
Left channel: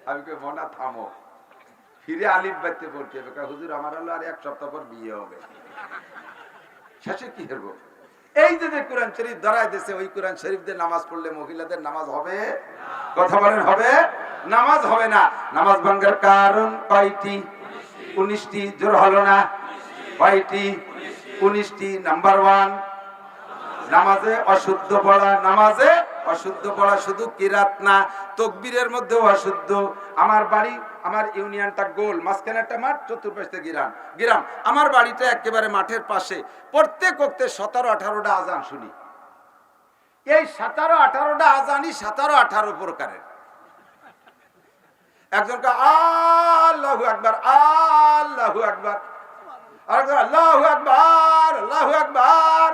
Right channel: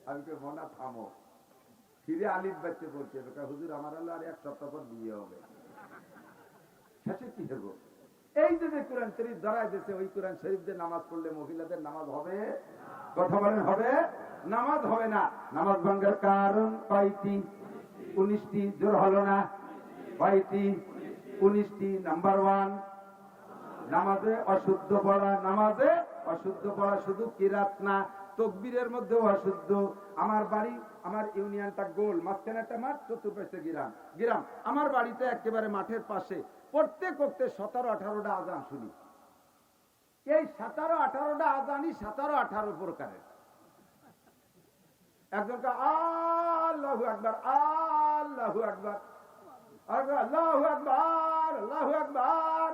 আমি কই মনা থামো, ফিরে আলিফ বাইতে পড়তে হবে। হুজুর আমার হলো আর 1 সপ্তাহ পর বিয়ে হবে, শেষে কি করব? এই যে কোরআন শরীফ ধরায় দিয়েছে, ওই কোরআন শরীফ দিয়ে নামাজ পড়লে মহিলাদের নামাজ হবে? কথা বলেন হবে? নামাজ হবে না। নামাজ ভাঙার কারণ কয়টি? 19টি। জোর হলো না? কয়টি? 19টি। নাম্বার 1 নামাজে অশুদ্ধ পড়া। নামাজে অশুদ্ধ পড়া শুধু কিরাত না, তাকবীরের মধ্যেও অশুদ্ধ। আমার বাড়ি, আমার ইউনিয়নটা গোল, মাঝখানে একটা মাঠ, চতুর্পাশে গ্রাম। আমার বাড়িটা একেবারে মাঠের পাশে। প্রত্যেক ওয়াক্তে 17-18টা আজান শুনি। এই 17-18টা আজানই 17-18 প্রকারের। একজনকে আল্লাহু আকবার, আল্লাহু আকবার, আরেকজন আল্লাহু আকবার, আল্লাহু আকবার।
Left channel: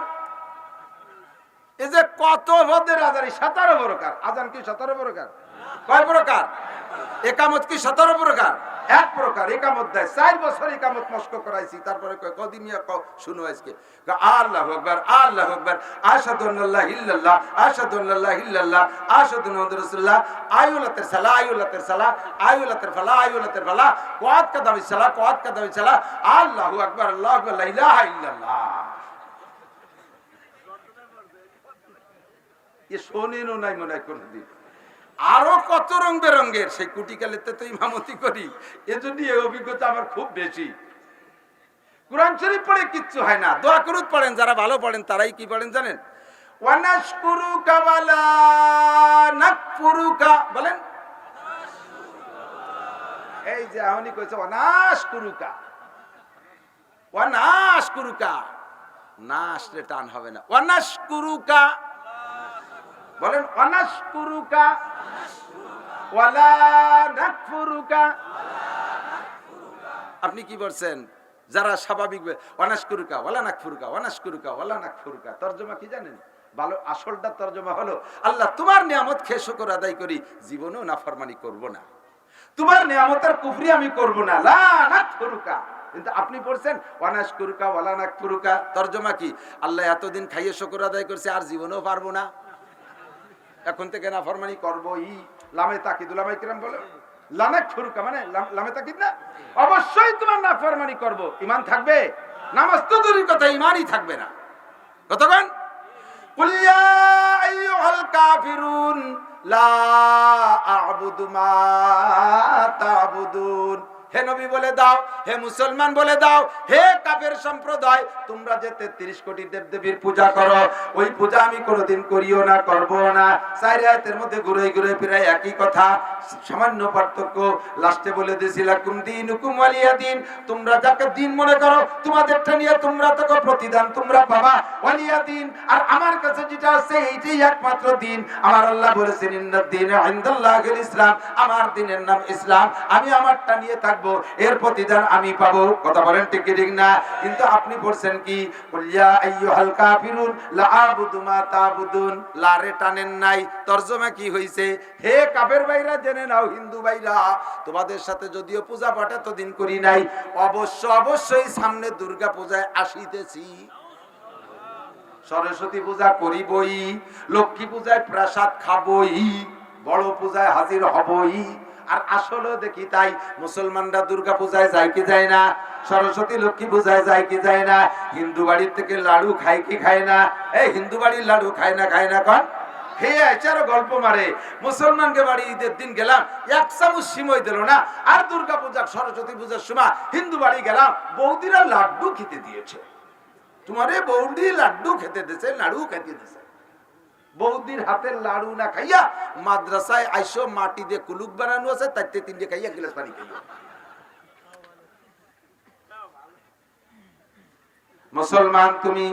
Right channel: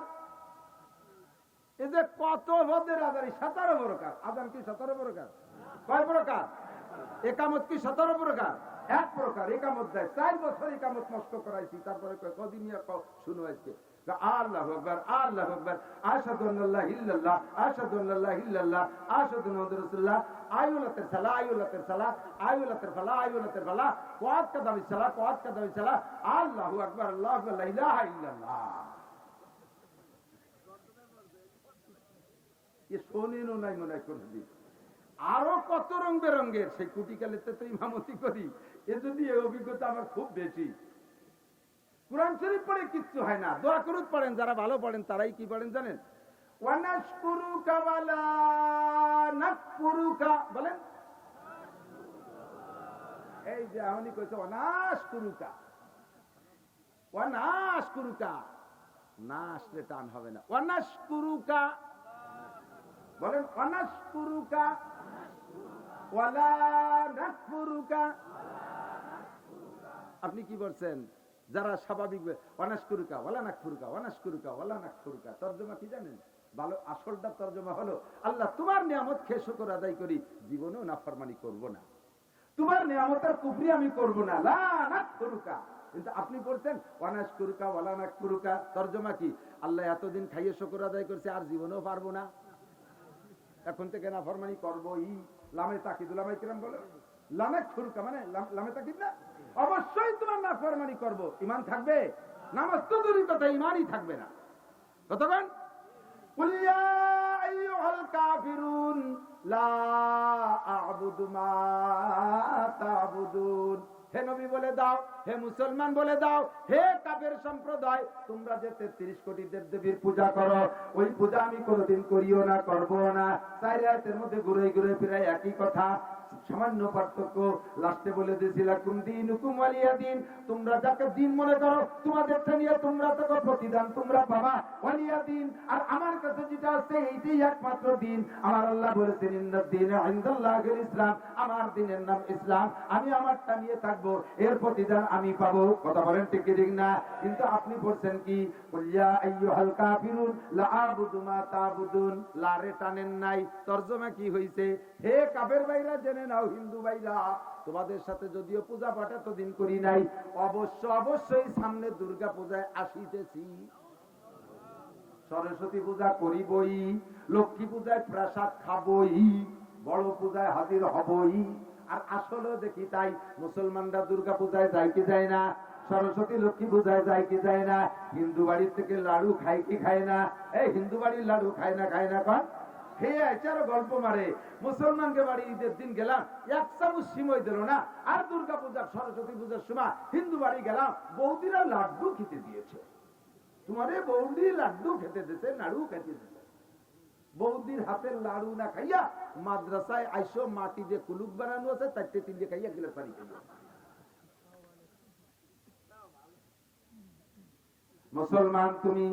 এই যে কত মধ্যের আজান, 17 প্রকার। আজান কি 17 প্রকার? কয় প্রকার? একামত কি 17 প্রকার? 1 প্রকার। একামত দেয়। 4 বছর একামত মস্ক করাইছি, তারপরে কদিন শুনো আজকে আল্লাহু আকবার, আল্লাহু আকবার, আশহাদু আল্লা ইল্লাল্লাহ, আশহাদু আল্লা ইল্লাল্লাহ, আশহাদু মুহাম্মাদুর রাসূলুল্লাহ, আইউলাতের সালাহ, আইউলাতের সালাহ, আইউলাতের ফালাহ, আইউলাতের ফালাহ, কোয়াত কাদামিস সালাহ, কোয়াত কাদামিস সালাহ, আল্লাহু আকবার, আল্লাহু আকবার, লা ইলাহা ইল্লাল্লাহ। এ শোনেনও নাই মনে হয় কোনদিন। আরো কত রং বেরঙ্গের, সেই কুটিকালেতে তো ইমামতি করি, এজন্য এই অভিজ্ঞতা আমার খুব বেশি। কোরআন শরীফ পড়ে কিচ্ছু হয় না। দোয়া করুত পড়েন, যারা ভালো পড়েন তারাই কি পড়েন জানেন? ওয়ানাশকুরুকা ওয়ালা নাকফুরুকা বলেন। এই যে আহনি কইছে ওয়ানাশকুরুকা, ওয়ানাশকুরুকা, না আসলে টান হবে না। ওয়ানাশকুরুকা বলেন, ওয়ানাশকুরুকা ওয়ালা নাকফুরুকা। আপনি কি বলছেন? যারা স্বাভাবিক ওয়ানাশকুরুকা ওয়ালা নাকফুরুকা, ওয়ানাশকুরুকা ওয়ালা নাকফুরুকা। তরজমা কি জানেন? ভালো আসলটা তরজমা হলো, আল্লাহ তোমার নিয়ামত খেয়ে শুকর আদায় করি, জীবনেও নাফরমানি করব না, তোমার নিয়ামতের কুফরি আমি করব না, লা নাকফুরুকা। কিন্তু আপনি পড়ছেন ওয়ানাশকুরুকা ওয়ালা নাকফুরুকা। তরজমা কি? আল্লাহ এতদিন খাইয়ে শুকর আদায় করছে, আর জীবনেও পারবো না, এখন থেকে নাফরমানি করবই। লামে তাকিদ, উলামায়ে কিরাম বলে লানাক ফুরুকা মানে লামে তাকিদ না, অবশ্যই তোমার নাফরমানি করব। ঈমান থাকবে? নামাজ তো দূরের কথা, ঈমানই থাকবে না। কতক্ষণ? কুল ইয়া আইয়ুহাল কাফিরুন লা আ'বুদু মা তা'বুদুন। হে নবী বলে দাও, হে মুসলমান বলে দাও, হে কাফের সম্প্রদায়, তোমরা যে 33 কোটি দেবদেবীর পূজা করো, ওই পূজা আমি কোনোদিন করিও না, করবো না। 4 আয়াতের মধ্যে ঘুরে ঘুরে ফিরে একই কথা, সামান্য পার্থক্য। লাস্টে বলে দিয়েছিল কুম দীনুকুম ওয়ালিয়া দিন, তোমরা যাকে দিন মনে করো তোমাদেরটা নিয়ে তোমরা তো প্রতিদান তোমরা পাবা, ওয়ালিয়া দিন। আর আমার কাছে যেটা আছে এইটাই একমাত্র দিন। আমার আল্লাহ বলেছেন ইন্নাদ দীনা ইনদাল্লাহিল ইসলাম, আমার দিনের নাম ইসলাম, আমি আমারটা নিয়ে থাকবো। থাকবো, এর প্রতিদান আমি পাবো। কথা বলেন ঠিক কি ঠিক না? কিন্তু আপনি বলছেন কি, কুল ইয়া আইয়ুহাল কাফিরুন লা আবুদু মা তাবুদুন, লারে টানেন নাই, তরজমা কি হইছে, হে কাফের ভাইরা জেনে নাও, হিন্দু ভাইরা, তোমাদের সাথে যদিও পূজা পাঠ এতদিন করি নাই, অবশ্যই সামনে দুর্গা পূজায় আসিতেছি, সরস্বতী পূজা করিবই, লক্ষ্মী পূজায় প্রসাদ খাবই, বড় পূজায় হাজির হবই। আর আসলে দেখি তাই, মুসলমানরা দুর্গা পূজায় যায় কি যায় না, সরস্বতী লক্ষ্মী পূজায় যায় কি যায় না, হিন্দু বাড়ির থেকে লাড়ু খায় কি খায় না, এই হিন্দু বাড়ির লাড়ু খায় না কন, হে আচারো গল্প মারে। মুসলমানকে বাড়ি ঈদের দিন গেলাম, এক চামচ সিমই দিল না, আর দুর্গা পূজা সরস্বতী পূজার সময় হিন্দু বাড়ি গেলাম, বৌদিরা লাড্ডু খেতে দিয়েছে, তোমারে বৌদি লাড্ডু খেতে দিয়েছে, লাড়ু খেতে দিয়েছে। বৌদির হাতের লাড়ু না খাইয়া মাদ্রাসায় আইসো, মাটি দিয়ে কুলুক বানানো আছে, তাইতে তিনটে খাইয়া গিলাস পানি খাইয়া। মুসলমান তুমি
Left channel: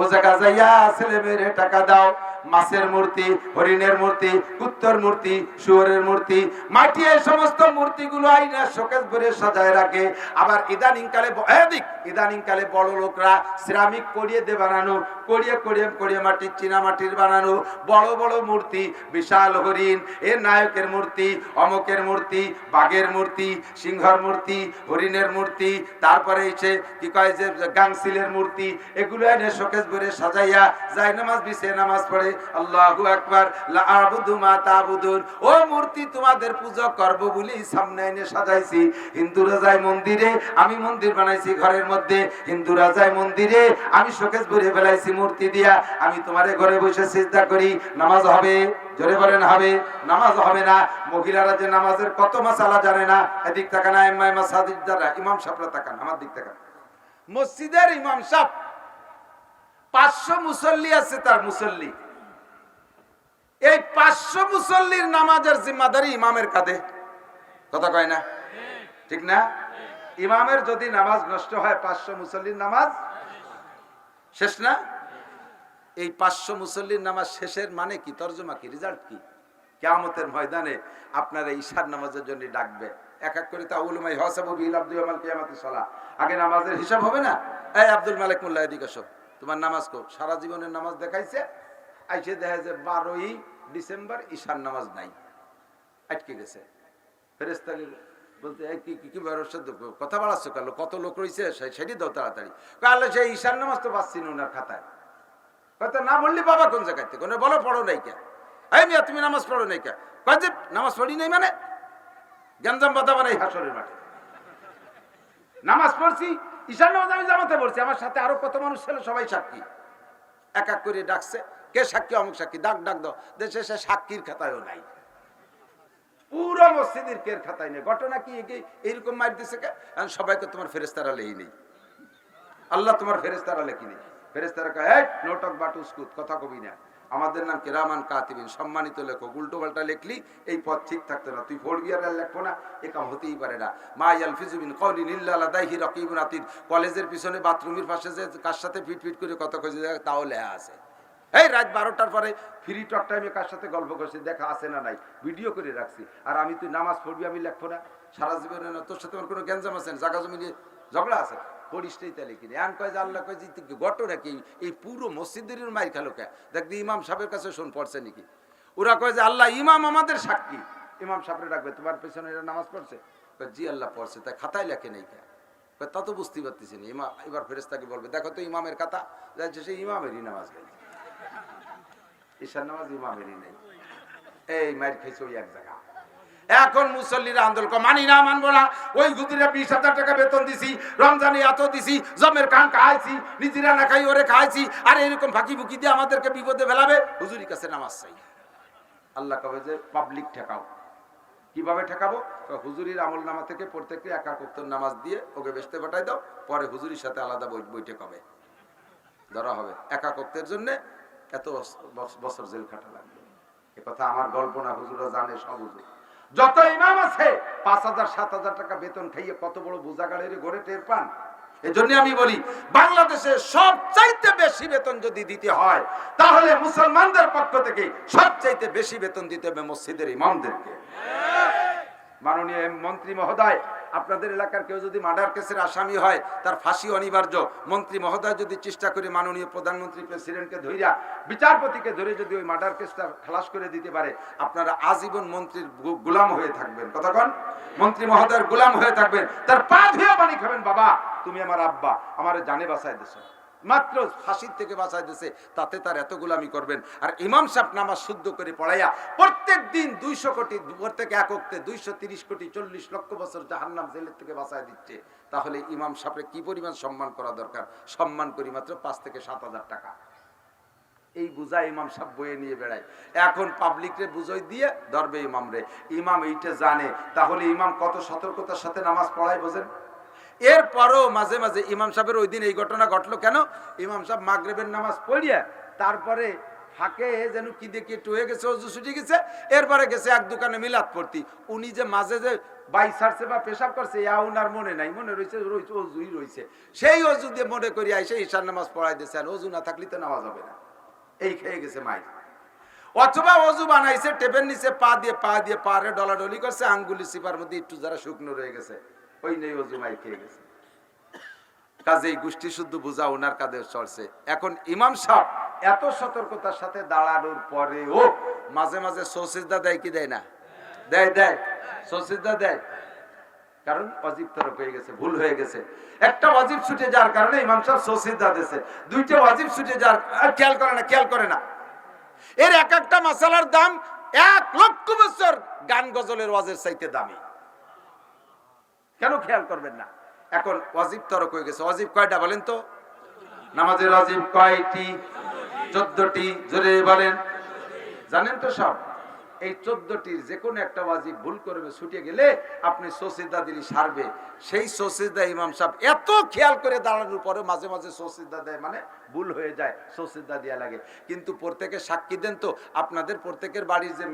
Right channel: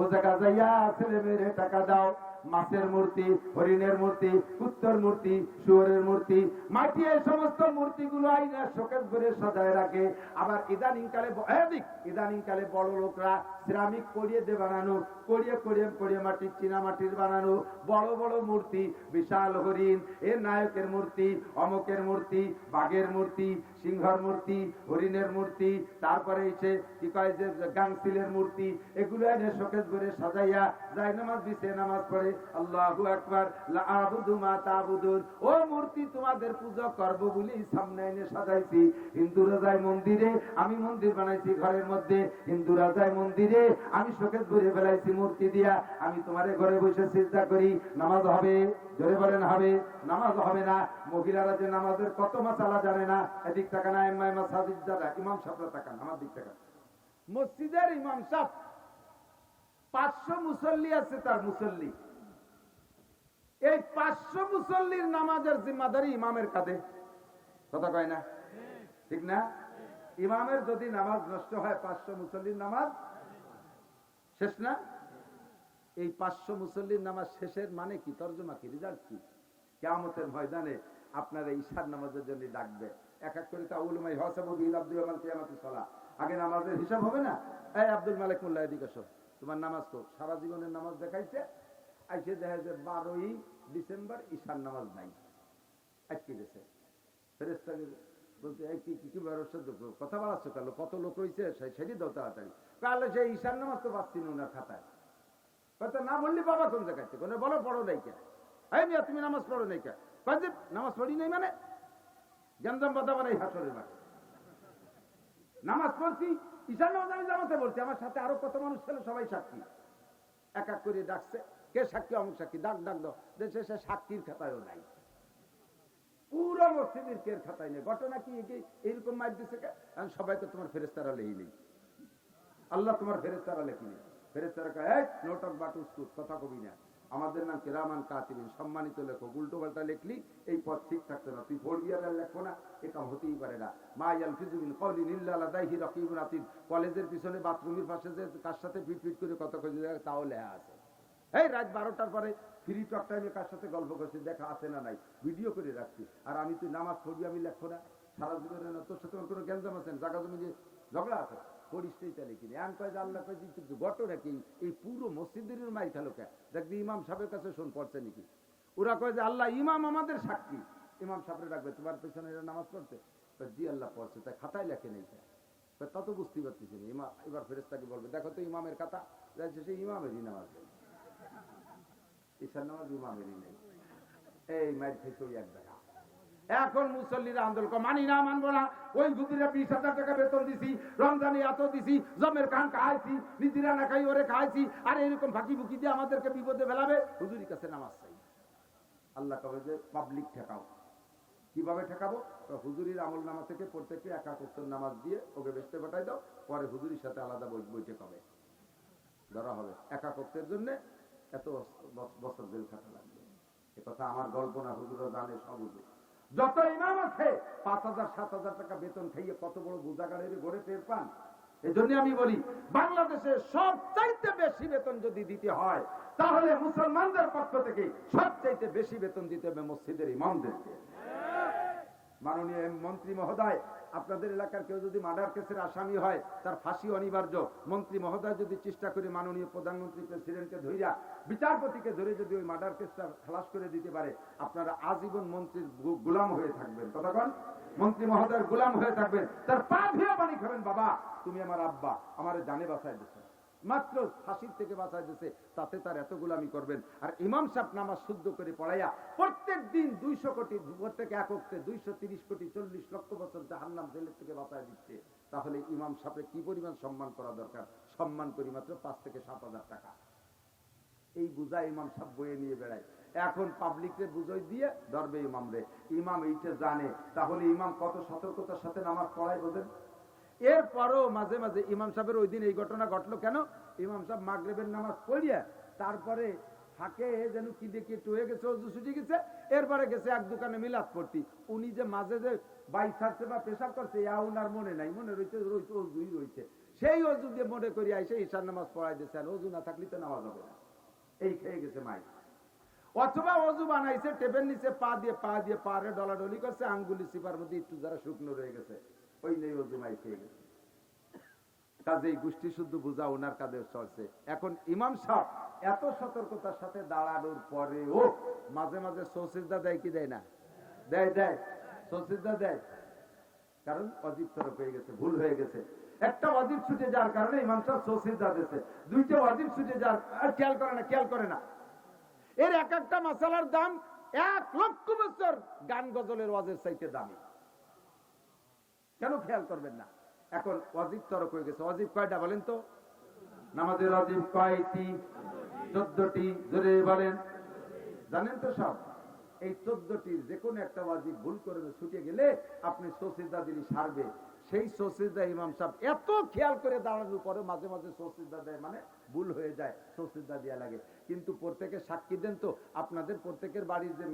ও জায়গা যাইয়া ছেলে মেয়েরে টাকা দাও, মাছের মূর্তি, হরিণের মূর্তি, কুত্তর মূর্তি, শুয়োরের মূর্তি, মাটি, এই সমস্ত মূর্তিগুলো আইনা শোকেস ভরে সাজায় রাখে। আবার ইদানিং কালে বড় লোকরা সিরামিক করিয়ে দে বানানো, করিয়ে মাটির, চীনা মাটির বানানো বড় বড় মূর্তি, বিশাল হরিণ, এর নায়কের মূর্তি, অমকের মূর্তি, বাঘের মূর্তি, সিংহর মূর্তি, হরিণের মূর্তি, তারপরে এসে কি কয় যে গাংসিলের মূর্তি, এগুলো এনে শোকেস ভরে সাজাইয়া যায় নামাজ বিছে নামাজ পড়ে। আল্লাহু আকবার, লা আবুদু মা তাবুদুন, ও মূর্তি তোমাদের পূজা করব বলি সামনে এনে সাজাইছি। হিন্দুরা যায় মন্দিরে, আমি মন্দির বানাইছি ঘরের মধ্যে, হিন্দুরা যায় মন্দিরে, আমি শোকেস ভরে ফেলাইছি মূর্তি দিয়া, আমি তোমারে ঘরে বসে সিজদা করি, নামাজ হবে? জোরে বলেন হবে? নামাজ হবে না। মহিলারা যে নামাজের কত মাসালা জানে না, এদিক তাকান, আইম্মায়ে মাসাজিদ যারা, ইমাম সাহেবরা তাকান, আমার দিক তাকান, মসজিদের ইমাম সাহেব 500 মুসল্লি আছে, তার মুসল্লি, এই 500 মুসল্লির নামাজের জিম্মাদারি ইমামের কাঁধে। কথা কয় না? ঠিক না? ইমামের যদি নামাজ নষ্ট হয়, 500 মুসল্লির নামাজ শেষ না? এই 500 মুসল্লির নামাজ শেষের মানে কি, তরজমা কি, রেজাল্ট কি? কিয়ামতের ময়দানে আপনারা ঈশার নামাজের জন্য ডাকবে, এক এক করে তাউলুমাই হাসাবু বিল আব্দু ইয়ামাল কিয়ামাতিস সালাহ, আগে নামাজের হিসাব হবে না? এই আব্দুল মালিক মোল্লা এদিকে আসো, তোমার নামাজ কো, সারা জীবনের নামাজ দেখাইছে, আইসে দেখা যায় 12ই ডিসেম্বর ঈশার নামাজ নাই, আটকে গেছে। ফেরেশতা বলতে কি কথা বাড়াচ্ছ, কেন, কত লোক রয়েছে, সেটি দাও তাড়াতাড়ি। কাল সেই ঈশার নামাজ তো পাচ্ছি না ওনার খাতায়। হয়তো না বললি বাবা কোন জায়গায় থেকে, বলো পড়ো নাই কে, এই মিয়া তুমি নামাজ পড়ো নাই কে, কয় যে নামাজ পড়ি নাই মানে গ্যাঞ্জাম বাধা বানাই হাসরের মাঠে। নামাজ পড়ছি, ঈশার নামাজ আমি জামাতে পড়ছি, আমার সাথে আরো কত মানুষ ছিল, সবাই সাক্ষী। এক এক করে ডাকছে, কে সাক্ষী, অমুক সাক্ষী, ডাক দাও, দেশে সে সাক্ষীর খাতায়ও নাই, পুরো মসজিদের কের খাতায় নেই। ঘটনা কি এইরকম মার দিছে কে, সবাইকে তোমার ফেরেশতারা লেই নেই, আল্লাহ তোমার ফেরেশতারা লেখি নেই। ফেরেশতারা কয়, এই নোটক বাটুসকুত, কথা কবি না, আমাদের নাম কিরামান কাতিবিন, সম্মানিত লেখক, উল্টো পাল্টা লেখলি এই পথ ঠিক থাকতো না, তুই পড়বি আর লেখবো না, এ কাম হতেই পারে না। মা ইয়ালফিজু মিন কাউলিন ইল্লা লাদাইহি রাকিবুন আতীদ, কলেজের পিছনে বাথরুমের পাশে যে কার সাথে ফিট করে কথা কইছে তাও লেখা আছে। এই রাত 12টার পরে ফ্রি টক টাইমে কার সাথে গল্প করছি, দেখা আছে না নাই, ভিডিও করে রাখছি। আর আমি, তুই নামাজ পড়বি, আমি লেখবো না, সারা জীবনে না, তোর সাথে আমার কোনো গ্যাঞ্জাম আছে না, জায়গা জমি নিয়ে ঝগড়া আছে, পড়িসটাই তাহলে কিনে আন কয় যে আল্লাহ কয় যে ঘটনা কি, এই পুরো মসজিদের মাইর খেলো কে, দেখবি ইমাম সাহেবের কাছে শোন পড়ছে নাকি। ওরা কয় যে আল্লাহ ইমাম আমাদের সাক্ষী, ইমাম সাহেবরে রাখবে, তোমার পেছনে এরা নামাজ পড়ছে, জি আল্লাহ পড়ছে, তাই খাতায় লেখে নেই কে, তা তো বুঝতেই পারতেছি না। ইমাম এবার ফেরেশতাকে বলবে, দেখো তো ইমামের খাতা, যাচ্ছে সে ইমামেরই নামাজ নেই, ঈশার নামাজ ইমামেরই নেই, এই মাইর খেয়েছে ওই এক জায়গা। এখন মুসল্লিরা আন্দোলন, মানি না, মানবো না, ওই হুজুরে 20,000 টাকা বেতন দিছি, রমজানে এত দিছি, জমের কান খাইছি, নিজেরা না খাই ওরে খাইছি, আর এরকম ফাঁকি ফুকি দিয়ে আমাদেরকে বিপদে ফেলাবে, হুজুরির কাছে নামাজ চাই। আল্লাহ কবে যে পাবলিক ঠেকাও। কিভাবে ঠেকাবো? হুজুরির আমল নামা থেকে প্রত্যেককে একাকত্তর নামাজ দিয়ে ওকে বেচতে পাঠাই দাও, পরে হুজুরির সাথে আলাদা বৈঠক হবে, ধরা হবে। একাকত্বের জন্য এত বছর জেল খাটা লাগবে, এ কথা আমার গল্প না, হুজুরা জানে সব। হুজুর যত ইমাম আছে 5,000-7,000 টাকা বেতন খাইয়ে কত বড় বোঝাগাড়ের ঘরে টের পান। এজন্য আমি বলি, বাংলাদেশে সবচাইতে বেশি বেতন যদি দিতে হয়, তাহলে মুসলমানদের পক্ষ থেকে সবচাইতে বেশি বেতন দিতে হবে মসজিদের ইমামদেরকে। মাননীয় মন্ত্রী মহোদয় আপনাদের এলাকার কেউ যদি মার্ডার কেসের আসামি হয় তার ফাঁসি অনিবার্য। মন্ত্রী মহোদয় যদি চেষ্টা করে মাননীয় প্রধানমন্ত্রী প্রেসিডেন্টকে ধইরা বিচারপতিকে ধরে যদি ওই মার্ডার কেসটা খালাস করে দিতে পারে, আপনারা আজীবন মন্ত্রীর গোলাম হয়ে থাকবেন। কতক্ষণ মন্ত্রী মহোদয়ের গোলাম হয়ে থাকবেন, তার পা ধুয়ে পানি খাবেন। বাবা তুমি আমার আব্বা, আমার জানে বাঁচায় দিয়েছো, মাত্র ফাঁসির থেকে বাঁচায় দিয়েছে, তাতে তার এত গোলামি করবেন। আর ইমাম সাহেব নামাজ শুদ্ধ করে পড়াইয়া প্রত্যেক দিন 200 কোটি, প্রত্যেক এককে 230 কোটি 40 লক্ষ বছর জাহান্নাম জেলের থেকে বাঁচায় দিচ্ছে, তাহলে ইমাম সাহেবের কি পরিমাণ সম্মান করা দরকার? সম্মান করি মাত্র 5 থেকে 7,000 টাকা। এই বুঝা ইমাম সাহেব বয়ে নিয়ে বেড়ায়। এখন পাবলিকরে বুঝাই দিয়ে ধরবে ইমাম রে। ইমাম এইটা জানে, তাহলে ইমাম কত সতর্কতার সাথে নামাজ পড়ায় বোঝেন। এরপরও মাঝে মাঝে ইমাম সাহেবের ওই দিন এই ঘটনা ঘটলো কেন? ইমাম সাহেব মাগরিবের নামাজ পড়িয়া তারপরে ফাঁকে যেন কি দেখি একটু হয়ে গেছে, অজু ছুটে গেছে, এরপরে গেছে এক দোকানে মিলাদ পড়তি। উনি যে মাঝে যে বাই ছাড়ছে বা পেশাব করছে, উনার মনে নাই, মনে রয়েছে অজুই রয়েছে। সেই অজু দিয়ে মনে করি আইসে ঈশার নামাজ পড়াই দিয়েছে। আর অজু না থাকলে তো নামাজ হবে না, এই খেয়ে গেছে মাই। অথবা অজু বানাইছে, টেপের নিচে পা দিয়ে পারে ডলাডলি করছে, আঙ্গুলি সিপার মধ্যে একটু যারা শুকনো রয়ে গেছে, ওই নেই অজু মাই খেয়ে গেছে। কাজেই গোষ্ঠী শুদ্ধ বুঝা ওনার কাঁধে চড়ছে। এখন ইমাম সাহেব এত সতর্কতার সাথে দাঁড়ানোর পরেও মাঝে মাঝে সৌসিজদা দেয় কি দেয় না? দেয় সৌসিজদা দেয়, কারণ ওয়াজিব তরক হয়ে গেছে, ভুল হয়ে গেছে। একটা ওয়াজিব ছুটে যাওয়ার কারণে ইমাম সাহেব সৌসিজদা দিয়েছে, দুইটা ওয়াজিব ছুটে যাওয়ার খেয়াল করে না। এর এক একটা মাসালার দাম 1 লক্ষ বছর গান গজলের ওয়াজের চাইতে দামি। কেন খেয়াল করবেন না? এখন ওয়াজিব তরক হয়ে গেছে। ওয়াজিব কয়টা বলেন তো? নামাজের ওয়াজিব কয়টি? 14টি। জোরে বলেন। জানেন তো সব? এই 14টির যে কোনো একটা ওয়াজিব ভুল করবে, ছুটে গেলে আপনি সৌসিজদা দিলি সারবে। সেই সৌসিজদা ইমাম সাহেব এত খেয়াল করে দাঁড়ানোর পরে মাঝে মাঝে সৌসিজদা দেয়, মানে ভুল হয়ে যায়, সৌসিজদা দেয়া লাগে। কিন্তু প্রত্যেকে সাক্ষী দেন তো, আপনাদের প্রত্যেকের বাড়ির যে